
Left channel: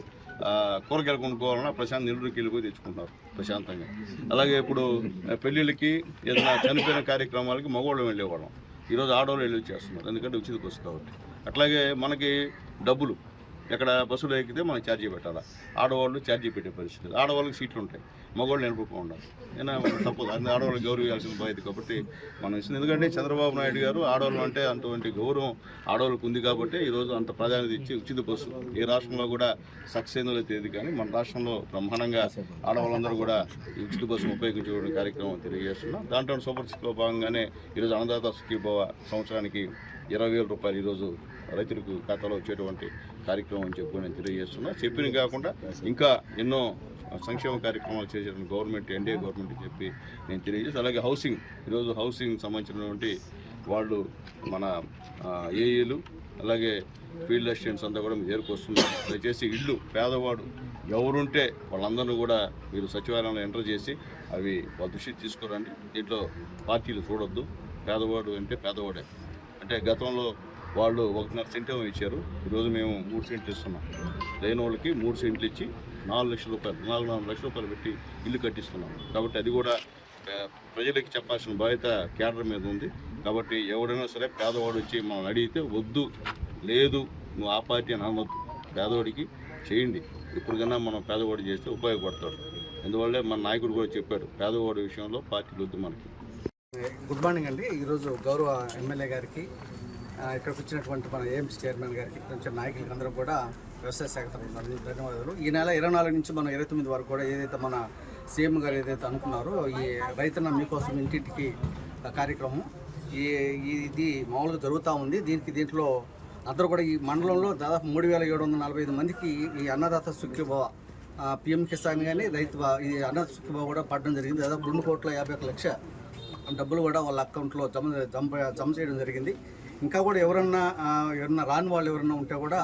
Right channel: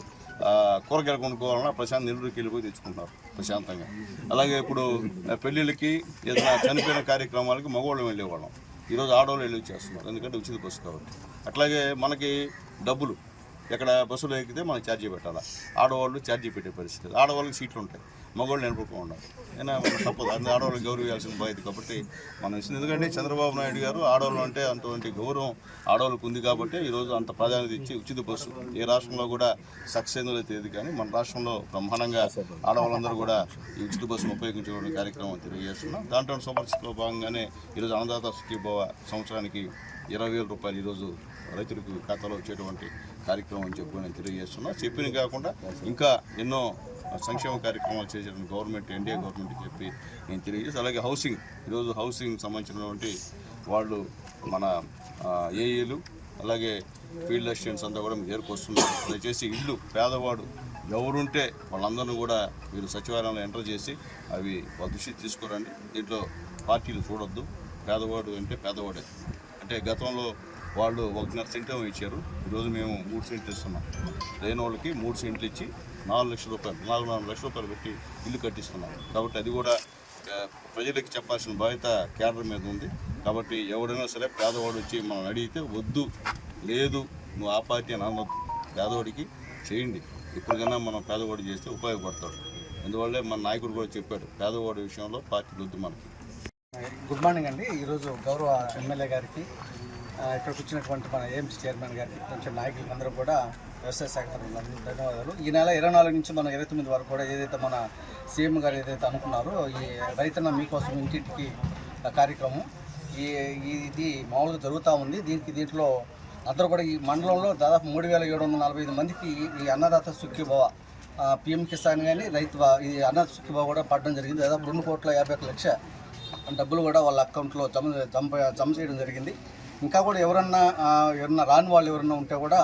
కూరగాయలు కొనుక్కోవాలన్నా నెల్లూరుకి వెళ్ళిపోయి తెచ్చుకుంటున్నారు ప్రశాంతంగా. అలాగే ఇప్పుడు పెళ్ళిళ్ళకి ఏదైనా చనిపోయిన కార్యక్రమాలకి మగవాళ్ళు వెళ్ళేవాళ్ళం, ఈరోజు ఆడవాళ్ళు వెళ్ళి వచ్చేస్తున్నారు, ఎందుకంటే ఉచిత బస్సు కాబట్టి. అట్లాగే మనకి డబ్బులు ఎక్కడ బస్సులో ఎక్కితే మనం ఛార్జీ పెట్టాలా, ఆడవాళ్ళు ఛార్జీ పెట్టే పరిస్థితి. ఆడవాళ్ళకి సీట్లు ఉంటాయి, మగవాళ్ళు నిలబడుకో ఉండాలి. అయినా మనం తప్పదు, అందులో ఆడవాళ్ళకి గౌరవించాల్సిన బాధ్యత కాబట్టి మనం ఇస్తుంది. ఎందుకంటే చంద్రబాబు నాయుడు గారు ఆడవాళ్ళు అంటే అటువంటి గౌరవం ఆడవాళ్ళకు ఉంది కాబట్టి ఈరోజు అంత ప్రాధాన్యత ఇచ్చి ఉచిత బస్సు ఏ రాష్ట్రంలో కూడా సక్సెస్ అయిందో తెలియదు, కానీ మన రాష్ట్రంలో బ్రహ్మాండంగా ఆడవాళ్ళందరూ కూడా ఈ ఉచిత బస్సును ఉపయోగించుకోవడం కార్యక్రమం తెలియజేస్తున్నాం. దాంట్లో సూపర్ సిక్స్లో భాగంగానే ఈరోజు అన్నదాత సుఖీభవ సంవత్సరానికి 20,000 రూపాయలు ఈరోజు రైతులకు ఖాతాలో వచ్చేటువంటి కార్యక్రమం అని చెప్పి నేను తెలియజేస్తున్నా. చెప్పిన కాకుండా ఇంకా ఎన్నో సంక్షేమ కార్యక్రమాలు చేసిన గవర్నమెంట్, ఎన్డీఏ గవర్నమెంట్ చెప్పి నేను తెలియజేసి, అలాగే హౌసింగ్, ఈరోజు హౌసింగ్ సంబంధించినటువంటి వాళ్ళు మన ఏఈలు అలాగే ఫీల్డ్ అసిస్టెంట్స్ అంతా కూడా మీరు వస్తున్నారు. దయచేసి ఇళ్ళు పేదవాడు ఎవరుంటే వాళ్ళందరూ కూడా మీరు సచివాలయంలో ఎంటర్ చేసి అవి వాళ్ళ దృష్టికి తీసుకురండి. దీంట్లో పార్టీలు చూడొద్దు, పేదవాడు అంటే పేదవాడే. అంటే గతంలో వాళ్ళు 1.5 సెంట్ ఇచ్చారు, ఈరోజు మేము 3 సెంట్లు ఇస్తున్నాం. లేని వాళ్ళకి 3 సెంట్లు ఇచ్చి 4 లక్షల రూపాయలు 4 లక్షల రూపాయలు పెట్టి ఇల్లు కట్టిస్తున్నాం. కాబట్టి అది కూడా ప్రజలకి చెప్పాల్సిన బాధ్యత కేడర్ మీద ఉంది. కాబట్టి ఎవరైనా సరే పేదవాడు వచ్చి మనం అడిగితే వద్దు, లేదు నువ్వు ఆ పార్టీ అని అనవద్దు, పేదవాడికి చేయండి. ఇప్పటికైనా మనం పేదవాడు చేస్తే ఉపయోగపడతాడు. అందువల్లే మన నాయకుడు కూడా చెప్పాడు, పేదవాడి విషయంలో పార్టీలు వద్దు మనకి. గుడ్ మార్నింగ్ అండి. ఈరోజు గౌరవ ఎమ్మెల్యే గారికి, ఇక్కడికి వచ్చినటువంటి మన ఏఎంసీ చైర్మన్ గారికి, కొంచెం నాయకులకి అందరూ కూడా వ్యవసాయ శాఖ తరఫున ధన్యవాదాలు. ఈ నెల 24 నుంచి మనం 29 వరకు కూడా ఏదైతే మన సీఎం గారు ఏదైతే అనుకున్నారో ఈ రైతన్న మీకోసం ఇంటింటికి కార్యక్రమం ఇది మామూలుగా జరుగుతూ ఉంది. దీంట్లో అందరూ కూడా ఈ మండలంలో దాదాపు 3,745 మందికి ఈ అన్నదాత సుఖీభవ పిఎం కిసాన్ కానీ ఈ అన్నదాత సుఖీభవ కూడా పడడం జరిగింది. దాదాపు 2,51,00,000 డబ్బులు కూడా వాళ్ళ అకౌంట్లో జమ చేయడం జరిగింది. ఇంకా కూడా ఎవరన్నా రాని వాళ్ళు ఎవరన్నా ఉంటే కూడా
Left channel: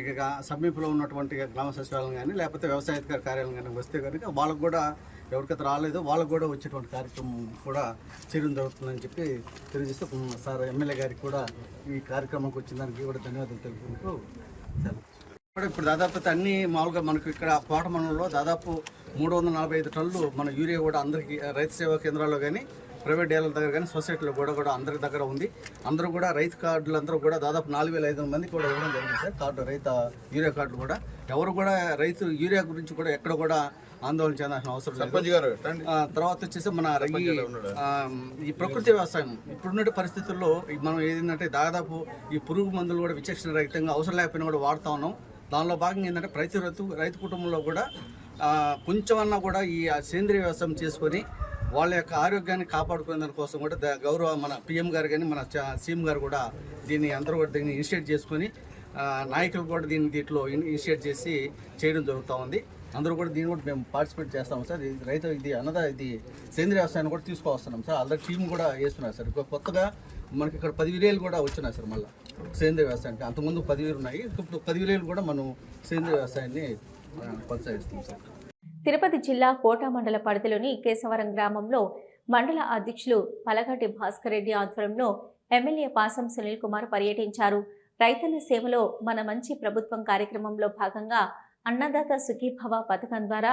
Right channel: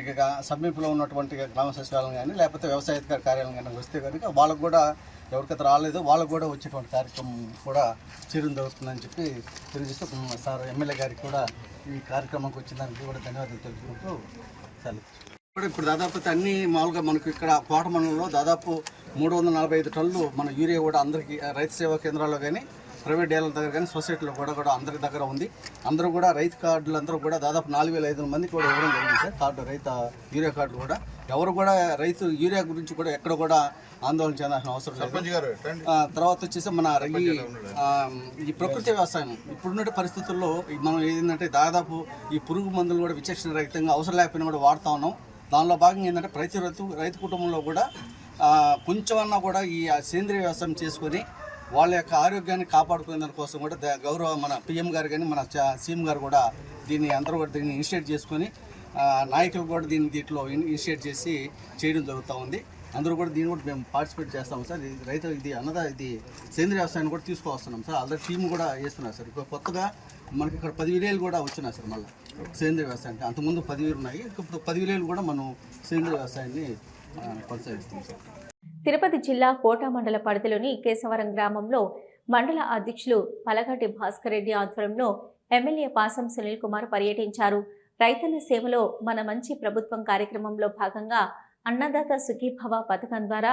ఇక సమీపంలో ఉన్నటువంటి గ్రామ సచివాలయం కానీ లేకపోతే వ్యవసాయ అధికారి కార్యాలయం కానీ వస్తే కనుక వాళ్ళకు కూడా ఎవరికైతే రాలేదో వాళ్ళకు కూడా వచ్చేటువంటి కార్యక్రమం కూడా చేయడం జరుగుతుందని చెప్పి తెలియజేస్తూ సార్ ఎమ్మెల్యే గారికి కూడా ఈ కార్యక్రమంకి వచ్చిన దానికి కూడా ధన్యవాదాలు తెలుపుకుంటూ ఇప్పుడు దాదాపు అన్ని మామూలుగా మనకు ఇక్కడ కోట మండలంలో దాదాపు 345 టన్నులు మన యూరియా కూడా అందరికీ రైతు సేవా కేంద్రాల్లో కానీ ప్రైవేట్ డీలర్ల దగ్గర కానీ సొసైటీలో కూడా అందరి దగ్గర ఉంది. అందరూ కూడా రైతు కార్డులు అందరూ కూడా దాదాపు 4,500 మందికి కూడా ఇవ్వడం జరిగింది సార్ కార్డు, రైతు యూరియా కార్డులు కూడా. ఎవరు కూడా రైతు యూరియా గురించి కూడా ఎక్కడ కూడా ఆందోళన చెందాల్సిన అవసరం లేదు. తర్వాత వచ్చేసి మన ఈ ప్రకృతి వ్యవసాయం ఇప్పుడున్న పరిస్థితుల్లో మనం ఏంటంటే దాదాపు ఈ పురుగు మందులు కూడా విచక్షణ రహితంగా అవసరం లేకపోయినా కూడా వాడుతూ ఉన్నాం. దానిలో భాగంగా ఏంటంటే ప్రతి రైతు కుటుంబంలో కూడా కొంచెమన్నా కూడా ఈ సేంద్రీయ వ్యవసాయం చేసుకొని వాళ్ళ యొక్క ఆరోగ్యాన్ని కాపాడుకునే దానికోసం కూడా గౌరవ మన పిఎం గారు కానీ మన సీఎం గారు కూడా అందరూ కూడా దీన్ని ఇనిషియేట్ చేసుకొని నాయకులు కూడా దీంట్లో ఇనిషియేట్ చేసి చేయడం జరుగుతూ ఉంది. అందరూ కూడా దీన్ని కూడా మేము పార్టిసిపేట్ చేస్తాం సార్. ఇది సేంద్రీయ వ్యవసాయాన్ని కూడా తీసుకువస్తున్నాం సార్. ఆల్రెడీ టీం కూడా వేస్తున్నారు సార్. ఇప్పుడు కొత్తగా మనకి ఇక్కడ 10 విలేలు కూడా వచ్చినాయి సార్. మళ్ళీ సేంద్రీయ వ్యవసాయానికి అంతకుముందు 10 ఉన్నాయి, ఇప్పుడు 10 విలేలు కూడా మనం సేంద్రీయ వ్యవసాయాన్ని కొనసాగిస్తాం సార్. తిరుపతి జిల్లా కోట మండల పరిధిలోని కేశవరం గ్రామంలో మండల అధ్యక్షులు పలగటి భాస్కర్ రెడ్డి ఆధ్వర్యంలో ఎమ్మెల్యే పాసం సునీల్ కుమార్ పర్యటించారు. రైతన్న సేవలో మన మంచి ప్రభుత్వం కార్యక్రమంలో భాగంగా అన్నదాత సుఖీభవ పథకం ద్వారా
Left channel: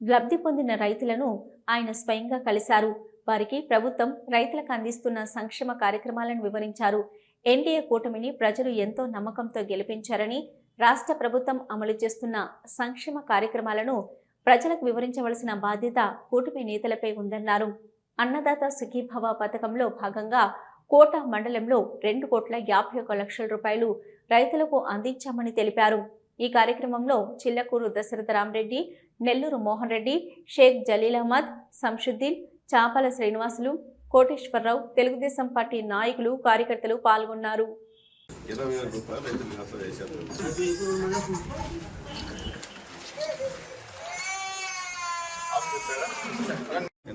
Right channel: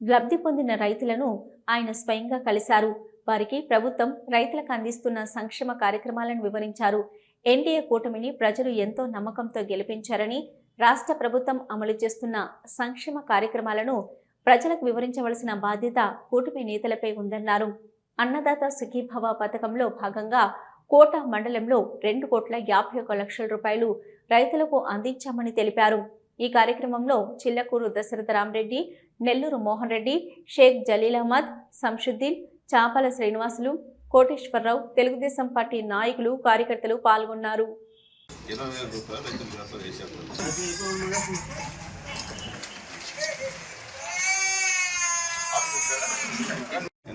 లబ్ధి పొందిన రైతులను ఆయన స్వయంగా కలిశారు. వారికి ప్రభుత్వం రైతులకు అందిస్తున్న సంక్షేమ కార్యక్రమాలను వివరించారు. ఎన్డీఏ కూటమిని ప్రజలు ఎంతో నమ్మకంతో గెలిపించారని, రాష్ట్ర ప్రభుత్వం అమలు చేస్తున్న సంక్షేమ కార్యక్రమాలను ప్రజలకు వివరించవలసిన బాధ్యత కూటమి నేతలపై ఉందన్నారు. అన్నదాత సుఖీభవ పథకంలో భాగంగా కోట మండలంలో 2,51,00,000 రూపాయలు రైతులకు అందించామని తెలిపారు. ఈ కార్యక్రమంలో చిల్లకూరు దశరథ రామరెడ్డి, నెల్లూరు మోహన్ రెడ్డి, షేక్ జలీల్ అహ్మద్, సంషుద్దీన్, చాపల శ్రీనివాసులు, కోటేశ్వరరావు, తెలుగుదేశం పార్టీ నాయకులు, కార్యకర్తలు పాల్గొన్నారు. 20,000 రూపాయలు రైతులు ఖాతా చేశారు.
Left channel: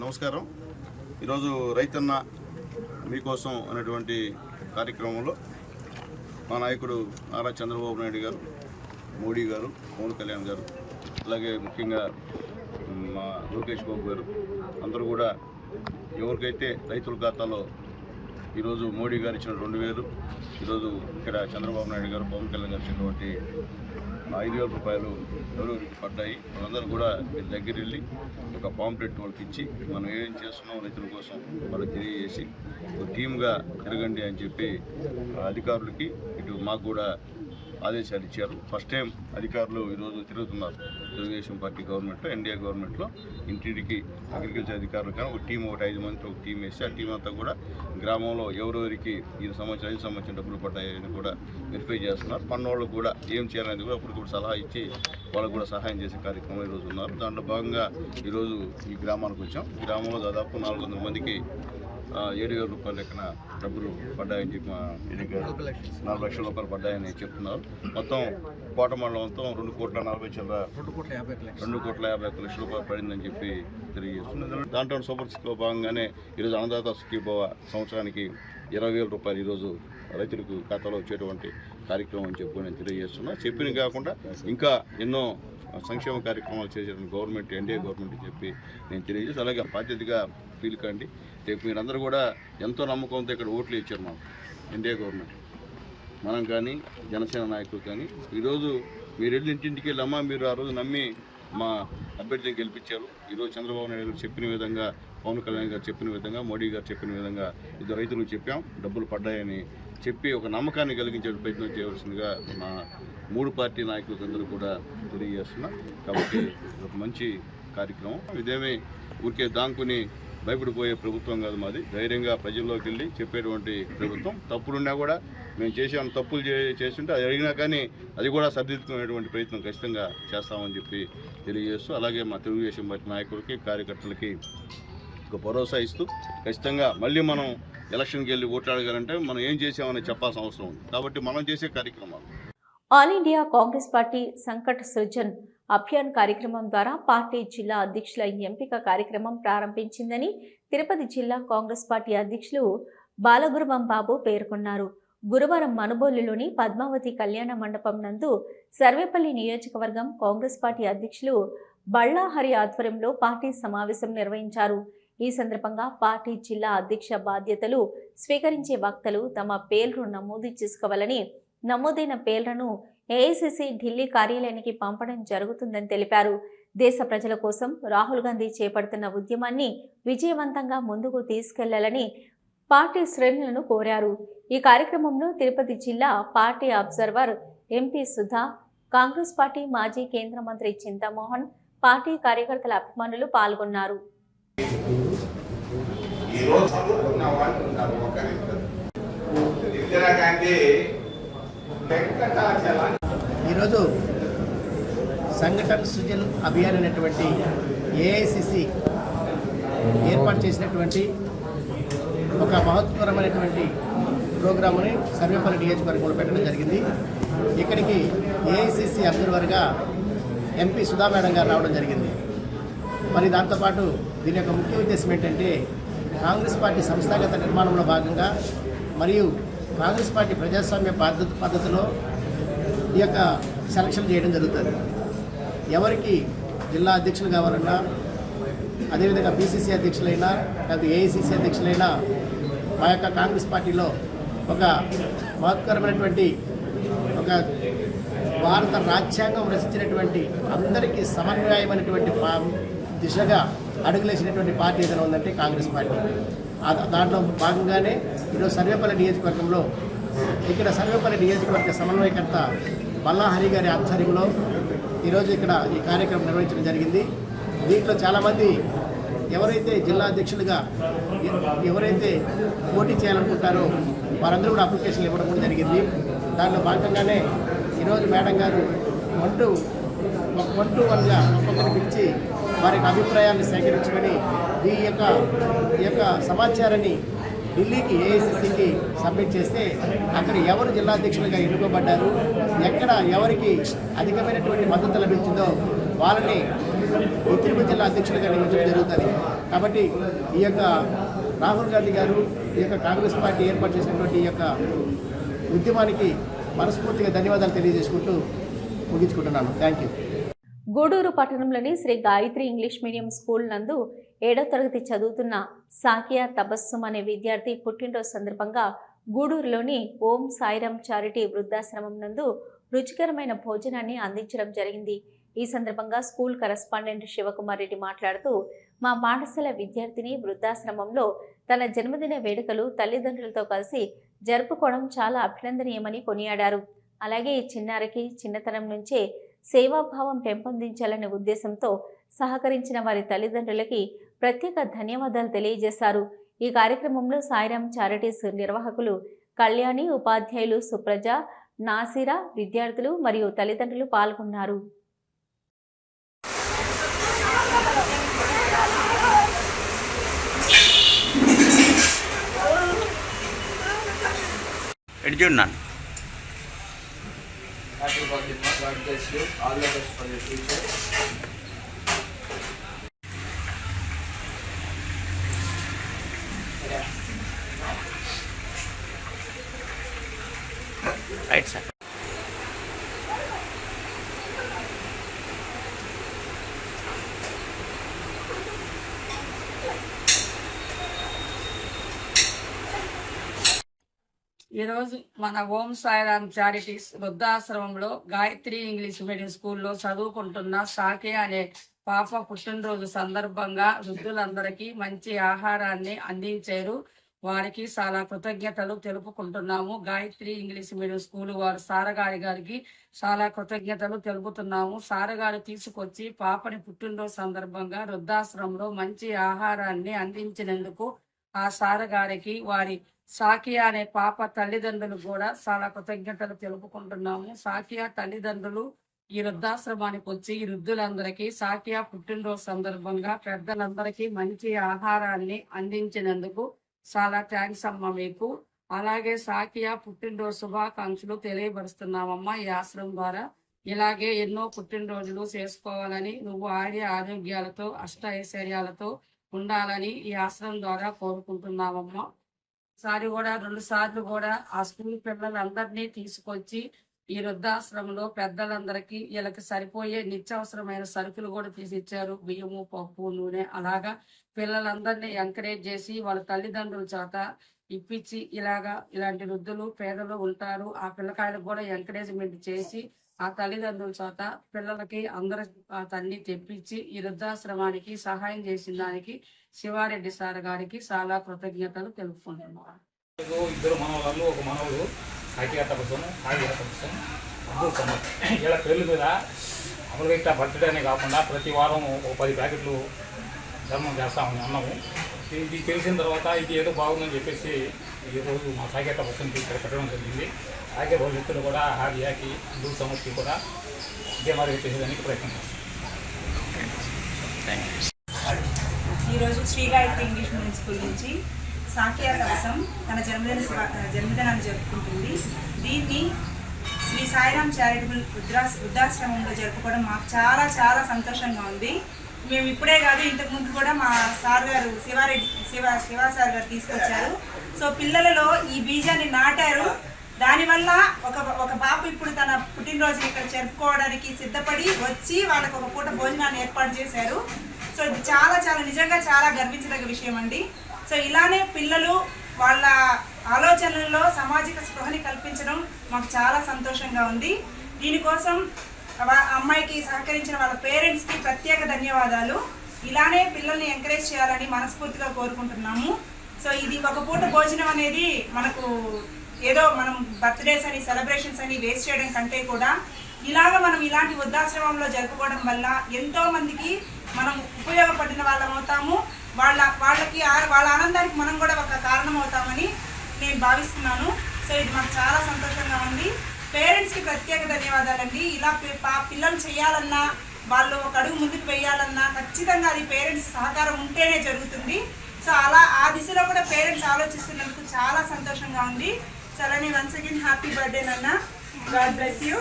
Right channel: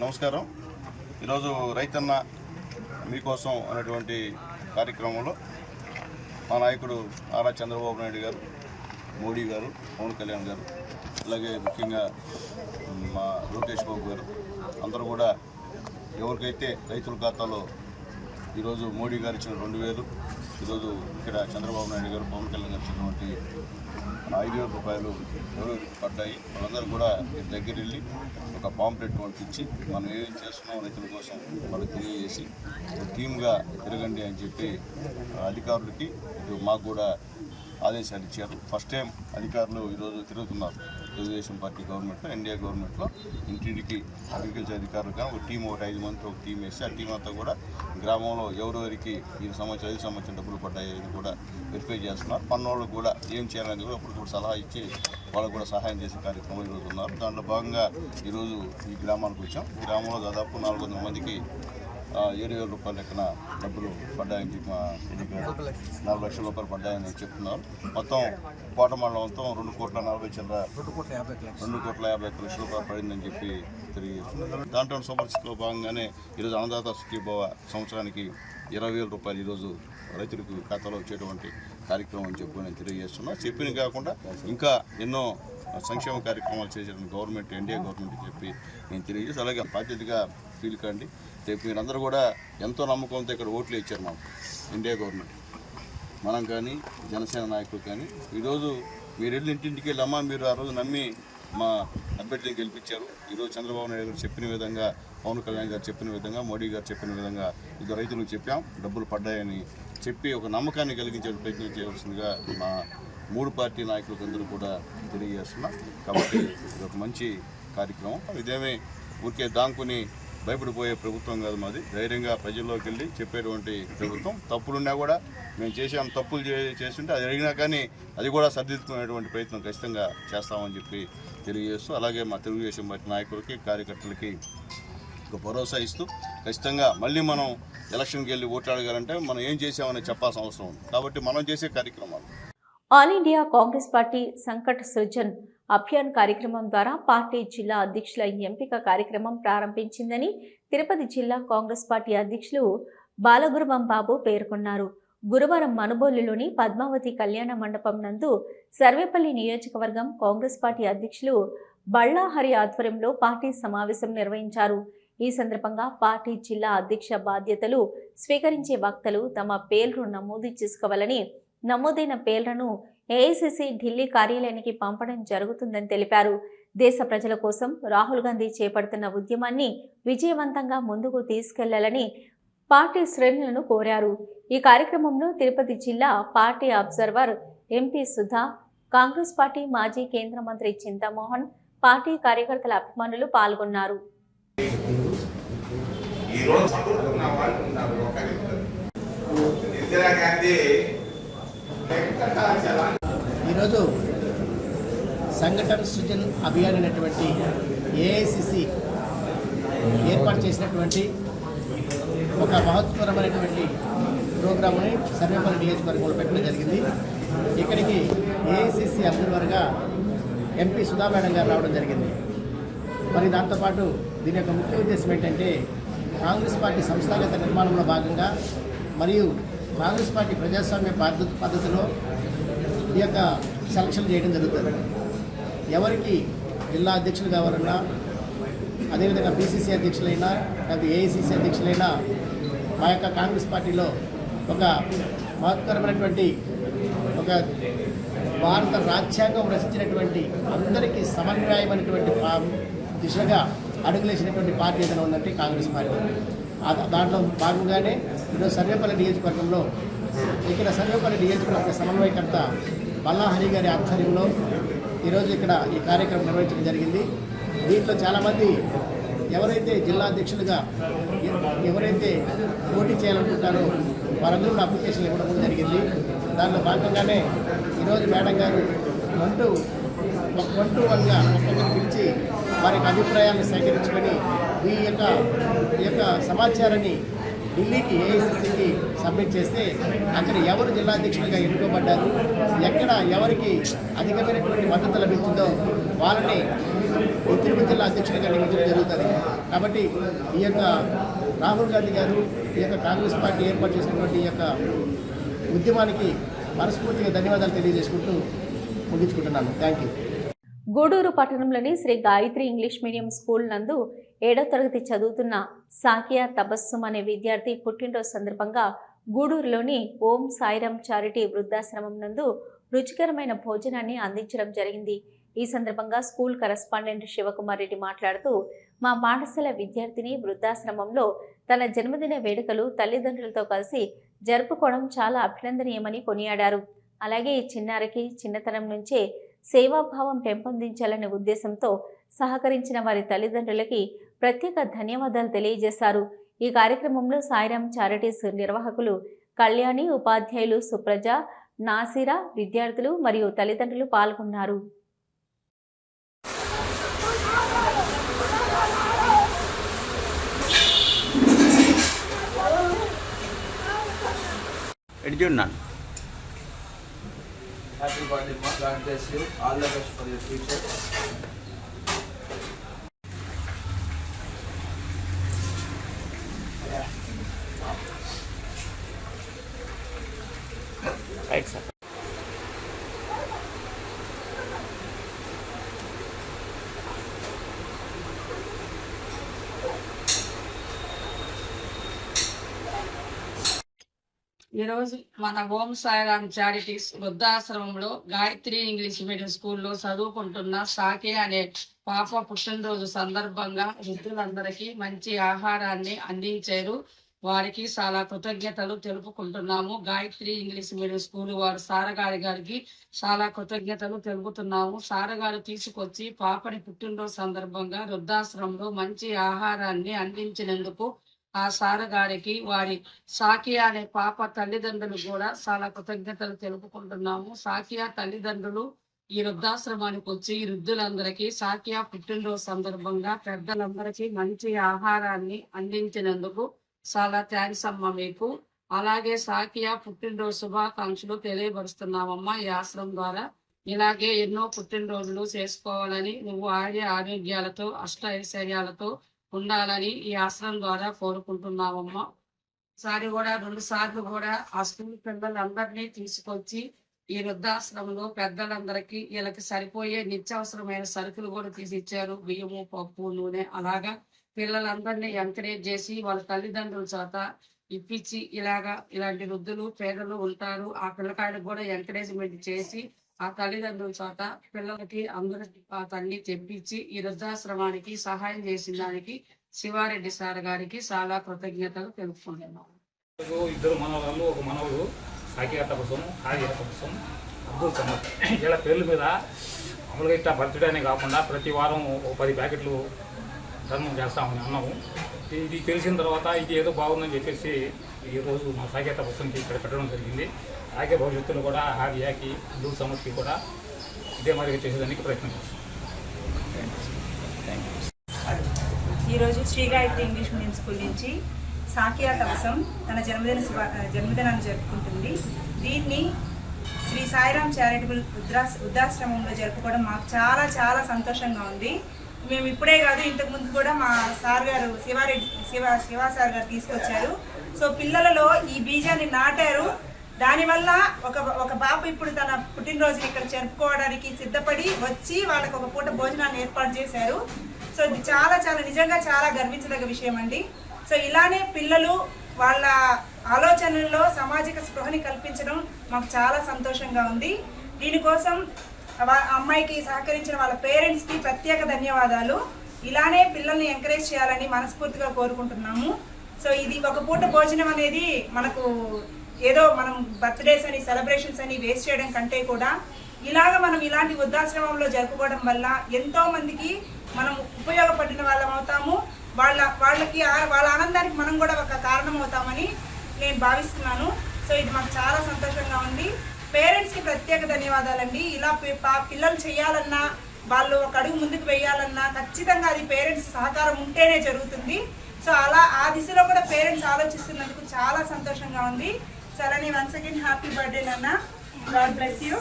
నమస్కారం. ఈరోజు రైతన్న మీకోసం అనేటువంటి కార్యక్రమంలో మా నాయకుడు నారా చంద్రబాబు నాయుడు గారు, మోడీ గారు, పవన్ కళ్యాణ్ గారు, అలాగే ముఖ్యంగా మా లోకేష్ బాబు గారు అందరూ కూడా ఎవరికైతే రైతుల ఖాతాలో ఈరోజు మోడీ గారు ఇచ్చిన 2,000, ఈరోజు ఇక్కడ చంద్రబాబు నాయుడు గారు, పవన్ కళ్యాణ్ గారు ఇచ్చినటువంటి 5,000 రూపాయలు ఎవరెవరికి పడ్డాయి వాళ్ళందరూ కూడా మీరు దగ్గర వెళ్ళి ఒక పాంప్లెట్ వాళ్ళకి ఇచ్చి మనం ఏం చేస్తున్నాం రైతుల కోసం వాళ్ళకి తెలియజేసి ఒక టీమ్గా తిరగండి అని చెప్పి అధికారులకి ఇటు మాకు కూడా ఆదేశాలు ఇచ్చారు. ఫస్ట్ టైం అధికారులు ఈరోజు తిరుగుతున్నారు. తెలుగుదేశం పార్టీ గవర్నమెంట్లో, ఎన్డీఏ గవర్నమెంట్లో ఇంటింటికి అగ్రికల్చర్ అధికారులు కానీ ఒక టీం, 5 మందితో ఒక టీం వేసి ఆ టీం అంతా కూడా గ్రామంలో ఎవరెవరికి 5 సంవత్సరం డబ్బులు పడ్డాయని కూడా వెరిఫై చేస్తున్నారు. పన్నోళ్ళకు కూడా ఏం చేయాలనేది కూడా అప్పటికప్పుడు సలహా ఇచ్చి వాళ్ళకు కూడా సహాయం చేసే కార్యక్రమం ఈరోజు ఉన్నారు. దాంట్లో భాగంగా ఈరోజు ఈ గ్రామానికి వచ్చాం. ఈ గ్రామంలో దాదాపు 400 మందికి 7,000 రూపాయల లెక్కన డబ్బులు పడ్డాయని చెప్పి మా ఎన్నిక 4 లక్షల రూపాయలు పడ్డాయని చెప్తున్నారు. మొత్తం కోట మండలం మొత్తం 2,50,00,000 రూపాయలు పడిందని చెప్పి తెలియజేస్తున్నారు. దాంట్లో సూపర్ సిక్స్లో భాగంగానే ఈరోజు అన్నదాత సుఖీభవ సంవత్సరానికి 20,000 రూపాయలు ఈరోజు రైతులకు ఖాతాలో వచ్చేటువంటి కార్యక్రమం అని చెప్పి నేను తెలియజేస్తున్నా. చెప్పిన కాకుండా ఇంకా ఎన్నో సంక్షేమ కార్యక్రమాలు చేసేటువంటి గవర్నమెంట్, ఎన్డీఏ గవర్నమెంట్ చెప్పి నేను తెలియజేసి అలాగే బాధ్యతగా ఫీల్ కండి. రేపు మీరందరూ కూడా ఎంతో నమ్మకంతో ఇక్కడ ఓట్లు ఇచ్చారు మాకు ఎన్డీఏ గవర్నమెంట్, మనం కానీ జనసేన నాయకులు కానీ. ఈరోజు మీరు వెళ్ళి ఇంటింటికి వెళ్ళమ్మా, మీరు ఆ రోజు నమ్మి మా అభ్యర్థిని గెలిపించారు. ఈరోజు చంద్రబాబు నాయుడు గారు చెప్పిన విధంగా, పవన్ కళ్యాణ్ గారు చెప్పిన విధంగా, మోడీ గారు చెప్పిన విధంగా ఇది రైతులకు చెప్పాం, డబ్బులు పడ్డాయని చెప్పి ఒక నమ్మకాన్ని కలిగించే ప్రయత్నం చేయవలసిందిగా మా 3 పార్టీ నాయకులందరూ కూడా తెలియజేస్తున్నా. కాబట్టి ఇది ఒక మంచి కార్యక్రమం. ఇదేమీ ఊరికే దాంకుని భయపడిపోయే ప్రభుత్వం కాదు మాది. ధైర్యంగా ప్రజల్లోకి వెళ్ళి చెప్పేటువంటి ప్రభుత్వం. తప్పులున్నా కూడా మేము చేసాం, తప్పులు చేస్తుంటే అది అడిగినా కానీ అది కూడా సరిదిద్దుకునేటువంటి ప్రయత్నం ఖచ్చితంగా చేస్తామని చెప్పి తెలియజేస్తూ, అలాగే మా తెలుగుదేశం పార్టీ నాయకులకి, కార్యకర్తలకి ఒక భరోసా ఇస్తూ ఖచ్చితంగా మళ్ళీ మనం ఎలక్షన్కి వెళ్ళి ఓట్లాడగాలంటే మనం ఏం చేసామని చెప్పాల్సిన అవసరం ఉంది. కాబట్టి మనం చేసే కార్యక్రమాలు all India Congress party Sankat Srujan Abhiyan కార్యక్రమం ద్వారా పార్టీ జిల్లా అధ్యక్షుల ఎంపిక కార్యక్రమం ప్రారంభించిందని తిరుపతి జిల్లా కాంగ్రెస్ పార్టీ అధ్యక్షులు బాలగురువం బాబు పేర్కొన్నారు. గురువారం మనుబోలులోని పద్మావతి కళ్యాణ మండపం నందు సర్వేపల్లి నియోజకవర్గం కాంగ్రెస్ పార్టీ అధ్యక్షులు బళ్ళాహరి ఆధ్వర్యంలో పార్టీ సమావేశం నిర్వహించారు. ఈ సందర్భంగా పార్టీ జిల్లా అధ్యక్ష బాధ్యతలు స్వీకరించే వక్తలు తమ పేర్లు నమోదు చేసుకోవాలని, నమోదైన పేర్లను ఏఐసిసి ఢిల్లీ కార్యాలయానికి పంపడం జరుగుతుందని తెలిపారు. దేశ ప్రజల కోసం రాహుల్ గాంధీ చేపడుతున్న ఉద్యమాన్ని విజయవంతంగా ముందుకు తీసుకెళ్లాలని పార్టీ శ్రేణులను కోరారు. ఈ కార్యక్రమంలో తిరుపతి జిల్లా party observer MP Sudha, Congress party మాజీ కేంద్ర మంత్రి చింతామోహన్, పార్టీ కార్యకర్తల అభిమానులు పాల్గొన్నారు. ఈరోజు సంఘటన సృజన్ అభియాన్ అనేటువంటి ఏఐసిసి ఏర్పాటు చేసినటువంటి ఒక మహత్వపరమైనటువంటి ప్రోగ్రాముని సర్వేపల్లి నియోజకవర్గంలో పెట్టడం జరిగింది. ఇక్కడికి ఏఐసిసి అబ్జర్వర్గా ఎంపీ సుధా మేడం గారు రావడం జరిగింది. మరి దాంతోపాటు దీని యొక్క ముఖ్య ఉద్దేశం ఏంటంటే కాంగ్రెస్ పార్టీ సంస్థాగత నిర్మాణంలో భాగంగా మరియు కాంగ్రెస్ పార్టీ ప్రజాస్వామ్య పద్ధతిలో ఈ యొక్క సెలక్షన్ చేయడం జరుగుతుంది. ఎవరికి జిల్లా అధ్యక్షులు కావాలన్నా, అదేవిధంగా బీసీసీ అధ్యక్షులైనా, లేకపోతే ఏఐసిసి అధ్యక్షులైనా మా యొక్క కాంగ్రెస్ పార్టీలో ఒక మహత్కరమైనటువంటి ఒక భారత రాజ్యాంగం రచించినటువంటి అందరికీ సమన్వయమైనటువంటి దిశగా అడుగులేసినటువంటి పార్టీ ఏదైనా ఉందంటే కాంగ్రెస్ పార్టీ. దాంట్లో భాగంగానే ఈరోజు సర్వేపల్లి నియోజకవర్గంలో ఇక్కడ సర్వేపల్లి నియోజకవర్గ సమన్వయకర్త బల్లాహరి గారి ఆధ్వర్యంలో ఈరోజు ఇక్కడ ఈ కార్యక్రమం నిర్వహించడం జరిగింది. దీంట్లో చాలామంది ఎవరైతే జిల్లా అధ్యక్షులుగా ఎవరైతే పోటీ చేయాలనుకుంటారో వారందరూ కూడా అప్లికేషన్లు ఇవ్వడం కూడా జరిగింది. దానిలో భాగంగానే ఈరోజు మేడం గారు 1-to-1గా ఒక్కొక్కరిని పిలిచి వారి యొక్క అభిప్రాయాలను సేకరించుకొని ఈ యొక్క సమాచారాన్ని ఢిల్లీకి ఏఐసిసికి సబ్మిట్ చేస్తే అక్కడ ఎవరు జిల్లా అధ్యక్షులుగా ఎన్నుకోబడ్డారు, ఎక్కడ ఎవరికి అధికమైనటువంటి మద్దతు లభించిందో వాళ్ళని ఈ తిరుపతి జిల్లా అధ్యక్షులుగా నియమించడం జరుగుతుంది. కాబట్టి ఈ యొక్క రాహుల్ గాంధీ గారు ఈ యొక్క కాంగ్రెస్ పార్టీ ఏర్పాటు చేసినటువంటి ఈ యొక్క ఉద్యమానికి మనస్ఫూర్తిగా ధన్యవాదాలు తెలియజేసుకుంటూ ముగించుకుంటున్నాను. Thank you. గూడూరు పట్టణంలోని Sri Gayatri English medium school నందు 7వ తరగతి చదువుతున్న సాకియా తబస్సుమ్ అనే విద్యార్థి పుట్టినరోజు సందర్భంగా గూడూరులోని ఓం సాయిరామ్ చారిటీ వృద్ధాశ్రమం నందు రుచికరమైన భోజనాన్ని అందించడం జరిగింది. ఈ సందర్భంగా స్కూల్ కరెస్పాండెంట్ శివకుమార్ రెడ్డి మాట్లాడుతూ, మా పాఠశాల విద్యార్థిని వృద్ధాశ్రమంలో తన జన్మదిన వేడుకలు తల్లిదండ్రులతో కలిసి జరుపుకోవడం చాలా అభినందనీయమని కొనియాడారు. అలాగే ఈ చిన్నారికి చిన్నతనం నుంచే సేవాభావం పెంపొందించాలనే ఉద్దేశంతో సహకరించిన వారి తల్లిదండ్రులకి ప్రత్యేక ధన్యవాదాలు తెలియజేశారు. ఈ కార్యక్రమంలో సాయిరామ్ చారిటీస్ నిర్వాహకులు కళ్యాణి, ఉపాధ్యాయులు సుప్రజ, నాసిరా, విద్యార్థులు మరియు తల్లిదండ్రులు పాల్గొన్నారు. Happy birthday, Ma. God bless you. All the best for your future. Right, sir. ఈరోజు మన ఓం సాయిరామ్ చారిటీస్ వృద్ధాశ్రమంలో గాయత్రి ఇంగ్లీష్ మీడియం స్కూల్లో చదువుకుంటున్న సాకే అనే పాప పుట్టినరోజు సందర్భంగా వృద్ధులందరికీ మంచి ఆహారాన్ని అందించారు. వారికి చాలా కృతజ్ఞతలు తెలుపుకుంటున్నాము. గాయత్రి ఇంగ్లీష్ మీడియం స్కూల్ వారు సారగారి గారికి చాలా కృతజ్ఞతలు తెలుపుతున్నాము. సారగారు తీసుకొచ్చి పాపని పుట్టినరోజు సందర్భంగా వృద్ధాశ్రమంలో మంచి ఆహారాన్ని అందించినందుకు ఆ సారగారికి వారి సాకియా అనే పాప తల్లిదండ్రులు కూడా చాలా కృతజ్ఞతలు తెలుపుకుంటున్నాము. సాకియా తల్లిదండ్రులు ఈ వృద్ధాశ్రమానికి వచ్చి ఈ వృద్ధులందరికీ సాకియా పుట్టినరోజు సందర్భంగా పెద్దలందరికీ మంచి ఆహారాన్ని అందించినందుకు చాలా థ్యాంక్స్ అమ్మ మీకు. అలాగే సాకియా పుట్టినరోజు శుభాకాంక్షలు తెలియపరుస్తున్నామమ్మా. ఈ ఆశ్రమం ద్వారా ఇలాగే ఎన్నో పుట్టినరోజులు చేసుకోవాలని, నువ్వు ఆరోగ్యాలతో అష్ట ఐశ్వర్యాలతో ఉండాలని ఈ ఆశ్రమం ద్వారా కోరుకుంటున్నామమ్మా. ఈసారి కూడా 2 సార్లు కూడా ఆ స్కూల్ పిల్లలందరినీ తీసుకొచ్చి ఈ వృద్ధాశ్రమంలో పెద్దలందరికీ వీళ్ళకి సరిపోయే నిత్యావసరమైన సరుకులు కూడా తీసి ఇచ్చారు. బియ్యము, పప్పు, నూనె. అలాగా పిల్లలందరినీ ఎంకరేజ్ చేసి వాళ్ళ తల్లిదండ్రుల చేత ఇప్పించి ఇలాంటి వృద్ధులు పేదలు ఉంటారు, ఆ పిల్లకాయలకు కూడా ఎంకరేజ్మెంట్ చేసి ఆ తల్లిదండ్రుల చేత పిల్లలకి అందరి తల్లి తెప్పించి ఈ వృద్ధాశ్రమానికి సహాయం చేసిన దానికి శివారెడ్డి సార్ గారికి చాలా కృతజ్ఞతలు తెలుపుకుంటున్నాను. 2 మనవరాళ్ళు, 1 మనవుడు, సాకియా తబస్సుమ్, హాజియా తబస్సుమ్, అబ్దుల్ సమద్. వీళ్ళ పేర్ల మీద అమలుగా ఇట్లా బర్త్డే అనే కాకుండా ప్రతి వారం 10 ప్యాకెట్లు ధర్మం చేస్తామని అన్నాము. ఇది తెలిసిన తర్వాత ఇది ఏదో బాగుందని చెప్పేసి ఈరోజు మా సాకియా తబస్సుమ్కి ఇక్కడ పెట్టడం జరిగింది. అలాగే భవిష్యత్తులో కూడా హాజియాకి, అబ్దుల్ సమద్కి కూడా ఇదే మాదిరిగా చేసేదానికి ప్రయత్నం చేస్తాం. ఈరోజు Shri Gayatri English medium school నుంచి సాకియా తబస్సుమ్ తన జన్మదినాన్ని జరుపుకుంటుంది. దీన్ని శ్రీ సాయిరామ్ చారిటబుల్ వృద్ధాశ్రమంలో జరుపుకోవడం మాకు చాలా చాలా సంతోషంగా ఉంది. మేము ఇప్పుడే కాదు, ఇంతకుముందు కూడా మా సార్ గారు శివా సార్ గారు తీసుకొచ్చారు. సో పిల్లలలో ఈ బీజాన్ని నాటారు. దానివల్ల ఒక బాబు ఇప్పుడు తన పుట్టినరోజుని ఇక్కడ జరుపుకోవడానికి సిద్ధపడి వచ్చి వాళ్ళకు ఒక పూట భోజనాన్ని ఏర్పాటు చేశారు. సో ఇది చాలా చాలా నిజంగా చాలా గర్వించదగ్గ విషయం అండి. సో ఇలానే పిల్లలు వాళ్ళ ఆలోచనల్లో సామాజిక స్పృహని కల్పించడం మాకు చాలా సంతోషంగా ఉంది. దీనికోసం అమ్మాయికి సహకరించిన వాళ్ళ పేరెంట్స్కి ప్రత్యేక ధన్యవాదాలు. ఇలానే పిల్లల్ని ఎంకరేజ్ చేయాలని మనస్ఫూర్తిగా కోరుకుంటున్నాము. సో ఇది ఒక పూట భోజనం అనేది మనకు ఏదో మనం బర్త్డేస్ అని సెలబ్రేషన్స్ అని వేస్ట్ చేయడం కంటే కూడా మనం ఇలాంటి వృద్ధాశ్రమంలో జరుపుకోవడం వల్ల ఎంతో మందికి మనం ఉపయోగపడిన వాళ్ళం అవుతాము. వాళ్ళకి వాళ్ళ ఆనందానికి మనం కూడా ఒక కారణం అవుతామని నేను భావిస్తున్నాను. సో ఇది మాకు చాలా సంతోషంగా ఉంది. పేరెంట్స్కి ప్రత్యేక ధన్యవాదాలండి. ఇలా పిల్లలు చేయాలన్నా, వాళ్ళు ఒక అడుగు ముందుకు వేయాలన్నా ఖచ్చితంగా అది పేరెంట్స్ సహకారం ఉంటేనే జరుగుతుంది. సో ఆ దిశలో కూడా పేరెంట్స్ ఆలోచిస్తున్నందుకు చాలా సంతోషంగా ఉంది. సో అలానే వన్స్ అగైన్ హ్యాపీ బర్త్డే నాన్న. God bless you.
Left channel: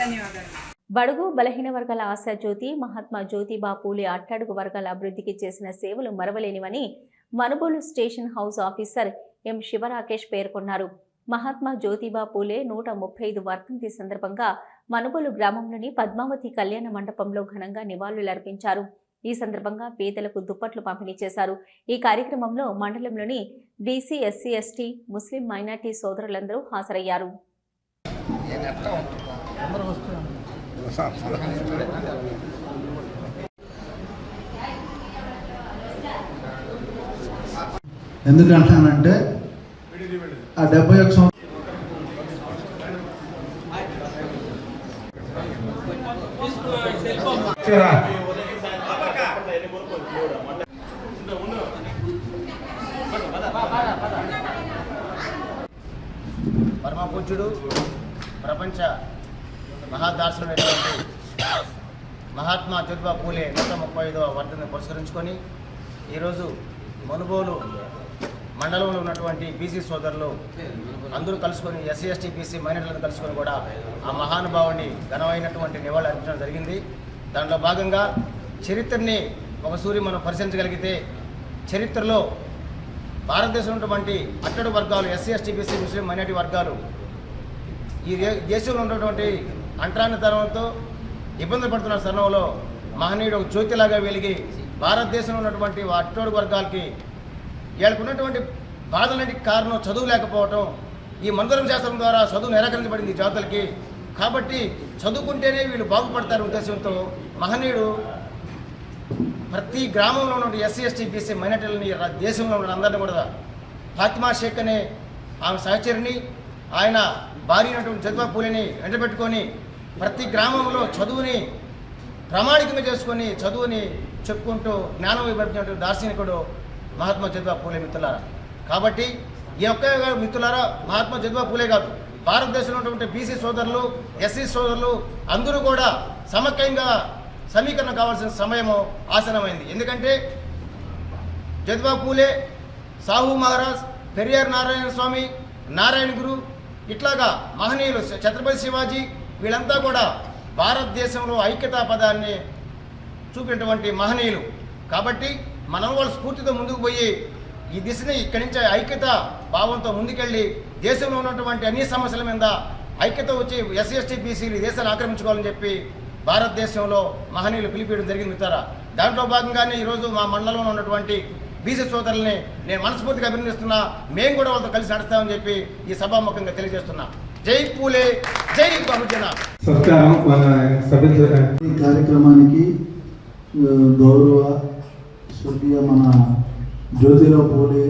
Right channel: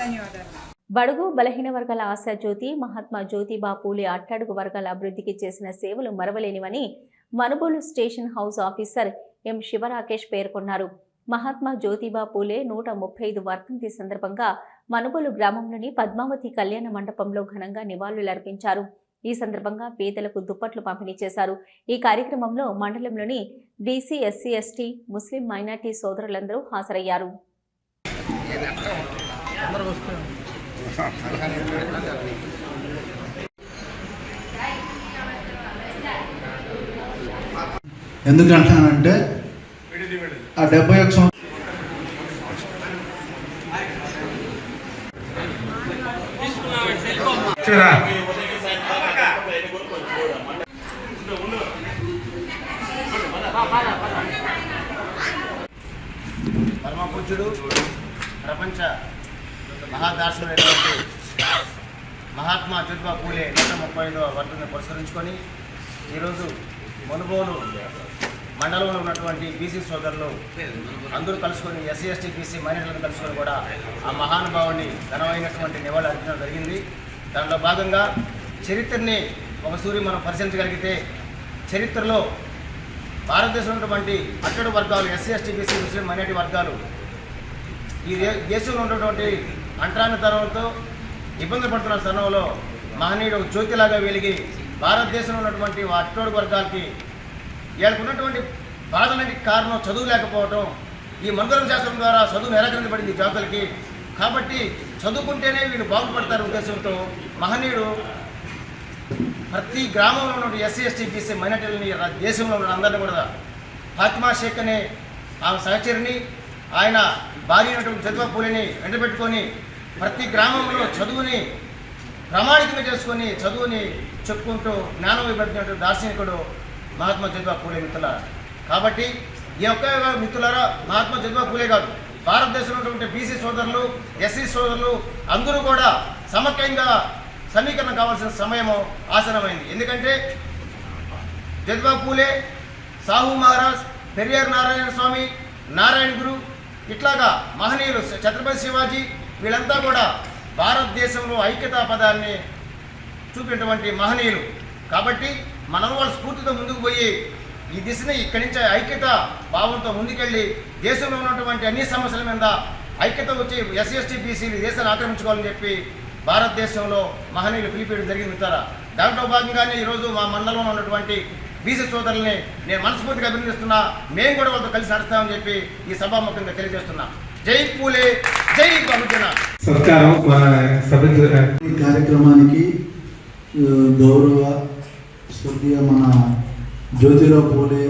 ధన్యవాదాలు. బడుగు బలహీన వర్గాల ఆశాజ్యోతి మహాత్మా జ్యోతిబా పూలే అట్టడుగు వర్గాల అభివృద్ధికి చేసిన సేవలు మరవలేనివని Manubolu station house officer M Sivarakesh పేర్కొన్నారు. మహాత్మా జ్యోతిబా పూలే 135 వర్ధంతి సందర్భంగా మనుబోలు గ్రామంలోని పద్మావతి కళ్యాణ మండపంలో ఘనంగా నివాళులర్పించారు. ఈ సందర్భంగా పేదలకు దుప్పట్లు పంపిణీ చేశారు. ఈ కార్యక్రమంలో మండలంలోని బీసీ, ఎస్సీ, ఎస్టీ, ముస్లిం మైనార్టీ సోదరులందరూ హాజరయ్యారు. ఎందుకంటానంటే ఆ 71 సంవత్సరం పరమపూజ్యుడు ప్రపంచ మహాదార్శనుడైనటువంటి మహాత్మా జ్యోతిబా పూలే 135వ వర్ధంతిని పురస్కరించుకొని ఈరోజు మనుబోలు మండలంలో ఉన్నటువంటి బీసీ సోదరులు అందరూ కలుసుకొని ఎస్సీ, ఎస్టీ, బీసీ మైనారిటీలను కలుసుకొని కూడా ఆ మహానుభావుని ఘనమైనటువంటి నివాళులు అర్పించడం జరిగింది. దాంట్లో భాగంగా చరిత్రని ఒకసారి మనం పరిశీలించగలిగితే చరిత్రలో భారతదేశంలో ఉన్నటువంటి అట్టడు వర్గాలు ఎస్సీ, ఎస్టీ, బీసీ, ముస్లిం మైనారిటీ వర్గాలు ఈ దేశంలో ఉన్నటువంటి అంటరానితనంతో ఇబ్బందులు పడుతున్న తరుణంలో మహనీయుడు ఒక జ్యోతిలాగా వెలిగి భారతదేశంలో ఉన్నటువంటి అట్టడు వర్గాలకి వీళ్ళకున్నటువంటి బాధలన్నింటికి కారణం చదువు లేకపోవటం. ఈ మందరం శాస్త్రం ద్వారా చదువు నిరాకరించబడింది జాతులకి. కాబట్టి చదువుకుంటేనే వీళ్ళు బాగుపడతారు ఉద్దేశంతో మహనీయుడు ప్రతి గ్రామంలో ఉన్న ఎస్సీ, ఎస్టీ, బీసీ మైనారిటీలని దేశంలో ఉన్న అందరినీ కూడా ఫాతిమా షేక్ అనే ఆమె సహచరిని ఆయన భార్య అయినటువంటి జ్యోతిబా పూలేని వెంటబెట్టుకొని ప్రతి గ్రామంలో చదువుని ప్రామాణికంగా చేసుకొని చదువుని చెప్పుకుంటూ జ్ఞానం ఇవ్వబడినటువంటి దార్శనికుడు మహాత్మా జ్యోతిబా పూలే మిత్రులారా. కాబట్టి ఈ ఒక్క మిత్రులారా మహాత్మా జ్యోతిబా పూలే కాదు, భారతదేశంలో ఉన్నటువంటి బీసీ సోదరులు, ఎస్సీ సోదరులు అందరూ కూడా సమైక్యంగా సమీకరణ కావాల్సిన సమయము ఆసనమైంది. ఎందుకంటే జ్యోతిబా పూలే, సాహు మహారాజ్, పెరియార్ నారాయణ స్వామి, నారాయణ గురు ఇట్లాగా మహనీయులు, ఛత్రపతి శివాజీ వీళ్ళంతా కూడా భారతదేశంలో ఐక్యతా పదాన్ని చూపినటువంటి మహనీయులు. కాబట్టి మనం వాళ్ళ స్ఫూర్తితో ముందుకు పోయి ఈ దిశని ఇక్కడి నుంచి ఐక్యత భావంతో ముందుకెళ్ళి దేశంలో ఉన్నటువంటి అన్ని సమస్యల మీద ఐక్యత వచ్చి ఎస్సీ, ఎస్టీ, బీసీలు దేశాన్ని ఆక్రమించుకోవాలని చెప్పి భారతదేశంలో మహనీయులు పిలిపేయడం జరిగింది మిత్రులారా. దాంట్లో భాగంగానే ఈరోజు మా మండలంలో ఉన్నటువంటి బీసీ సోదరుల్ని నేను మనస్ఫూర్తిగా అభినందిస్తున్నా. మేము కూడా వాళ్ళతో కలిసి నడుస్తామని చెప్పి ఈ సభాముఖంగా తెలియజేస్తున్నా. జై పూలే, జై బహుజన. ఈ కార్యక్రమానికి గౌరవ స్వర్గీయ మన జ్యోతిరావు పూలే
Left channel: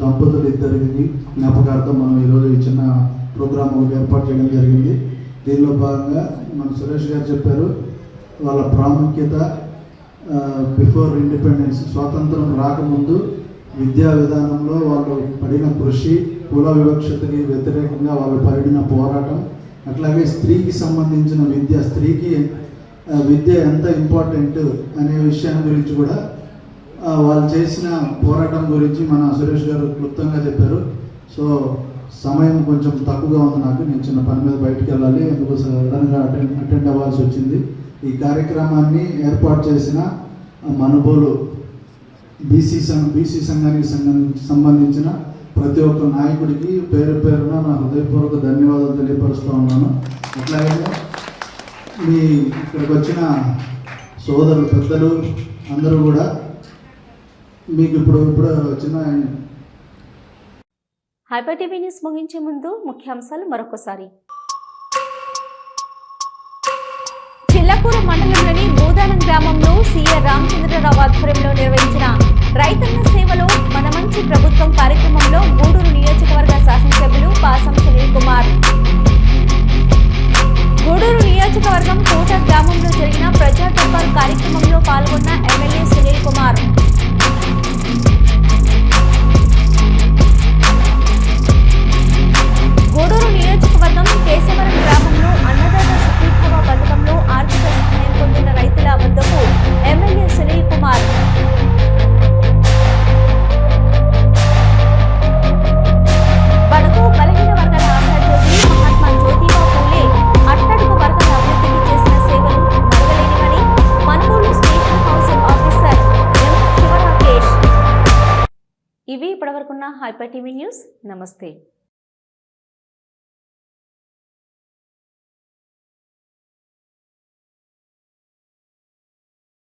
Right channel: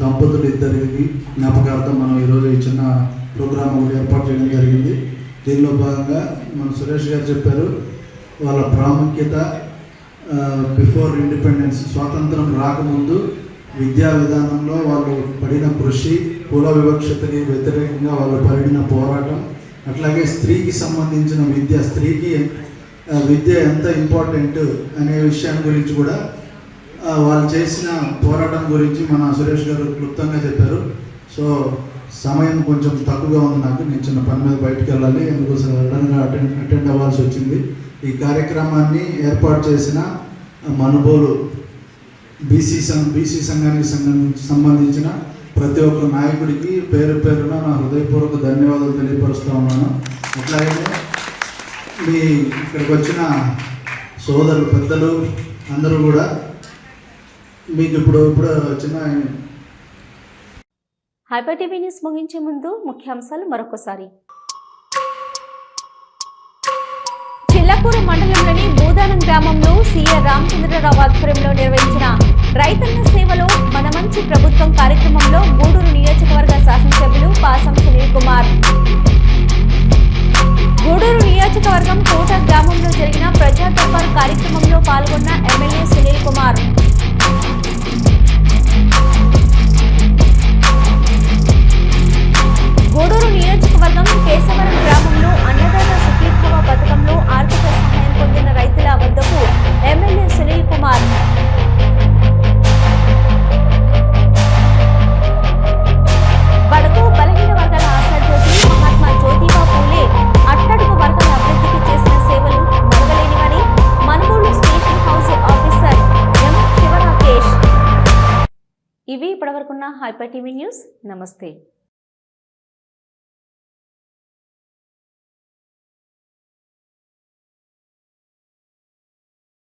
దంపతులు ఇద్దరికి జ్ఞాపకార్థం మనం ఈరోజు ఈ చిన్న ప్రోగ్రామ్ ఒకటి ఏర్పాటు చేయడం జరిగింది. దీనిలో భాగంగా మన సురేష్ గారు చెప్పారు వాళ్ళ ప్రాముఖ్యత. బిఫోర్ ఇండిపెండెన్స్, స్వాతంత్రం రాకముందు విద్యా విధానంలో వాళ్ళు పడిన కృషి, కుల వివక్షతకి వ్యతిరేకంగా వాళ్ళు పడిన పోరాటం, అట్లాగే స్త్రీకి సంబంధించిన విద్య, స్త్రీకి విద్య ఎంత ఇంపార్టెంట్ అనే విషయం గురించి కూడా వాళ్ళు చేసిన పోరాటం గురించి మన సురేష్ గారు క్లుప్తంగా చెప్పారు. సో సమయం కొంచెం తక్కువగా ఉంది నాకు, నేను చిన్న పని మీద బయటకు వెళ్ళాలి, ఎందుకు సడన్గా అటెండ్ అవ్వాల్సి వచ్చింది. ఈ కార్యక్రమాన్ని ఏర్పాటు చేసిన మనుబోలు బీసీ సంఘానికి సంబంధించిన ప్రతి ఒక్క నాయకుడికి పేరు పేరున నా హృదయపూర్వక ధన్యవాదాలు తెలియపరుస్తూ ఉన్నాను. అట్లాగే మీ ఇక్కడికి వచ్చిన సోదరులు, పెద్దలు అందరూ కూడా మీకు ఇప్పుడు చిన్న హైపర్ టీవీ న్యూస్ ముగించే ముందు ముఖ్యాంశాలు మరొకసారి. చిల్లకూరు మండలంలోని భూదానం గ్రామంలో సీఆర్ రామచంద్రరావు ఆధ్వర్యంలో నిర్వహించిన రైతన్న సేవలో మన మంచి ప్రభుత్వం కార్యక్రమంలో గూడూరు నియోజకవర్గ శాసనసభ్యులు పాసం సునీల్ కుమార్. గూడూరు నియోజకవర్గం కోట గ్రామంలో జరిగిన ప్రజా దర్బార్ కార్యక్రమంలో పాల్గొన్న ఎమ్మెల్యే సునీల్ కుమార్. గూడూరు నియోజకవర్గం కేశవరం గ్రామంలో అన్నదాత సుఖీభావ పథకంలో ఆర్థిక సహాయం పొందిన రైతుల వద్దకు ఎమ్మెల్యే సునీల్ కుమార్. బడుగు బలహీన వర్గాల ఆశాజ్యోతి మహాత్మా జ్యోతిబా పూలే అట్టడుగు వర్గాల అభివృద్ధికి చేసిన సేవలు మరవలేనివని Manugolu station house officer M Sivarakesh. ఇవి ఇప్పటివరకున్న హైపర్ టీవీ న్యూస్. నమస్తే.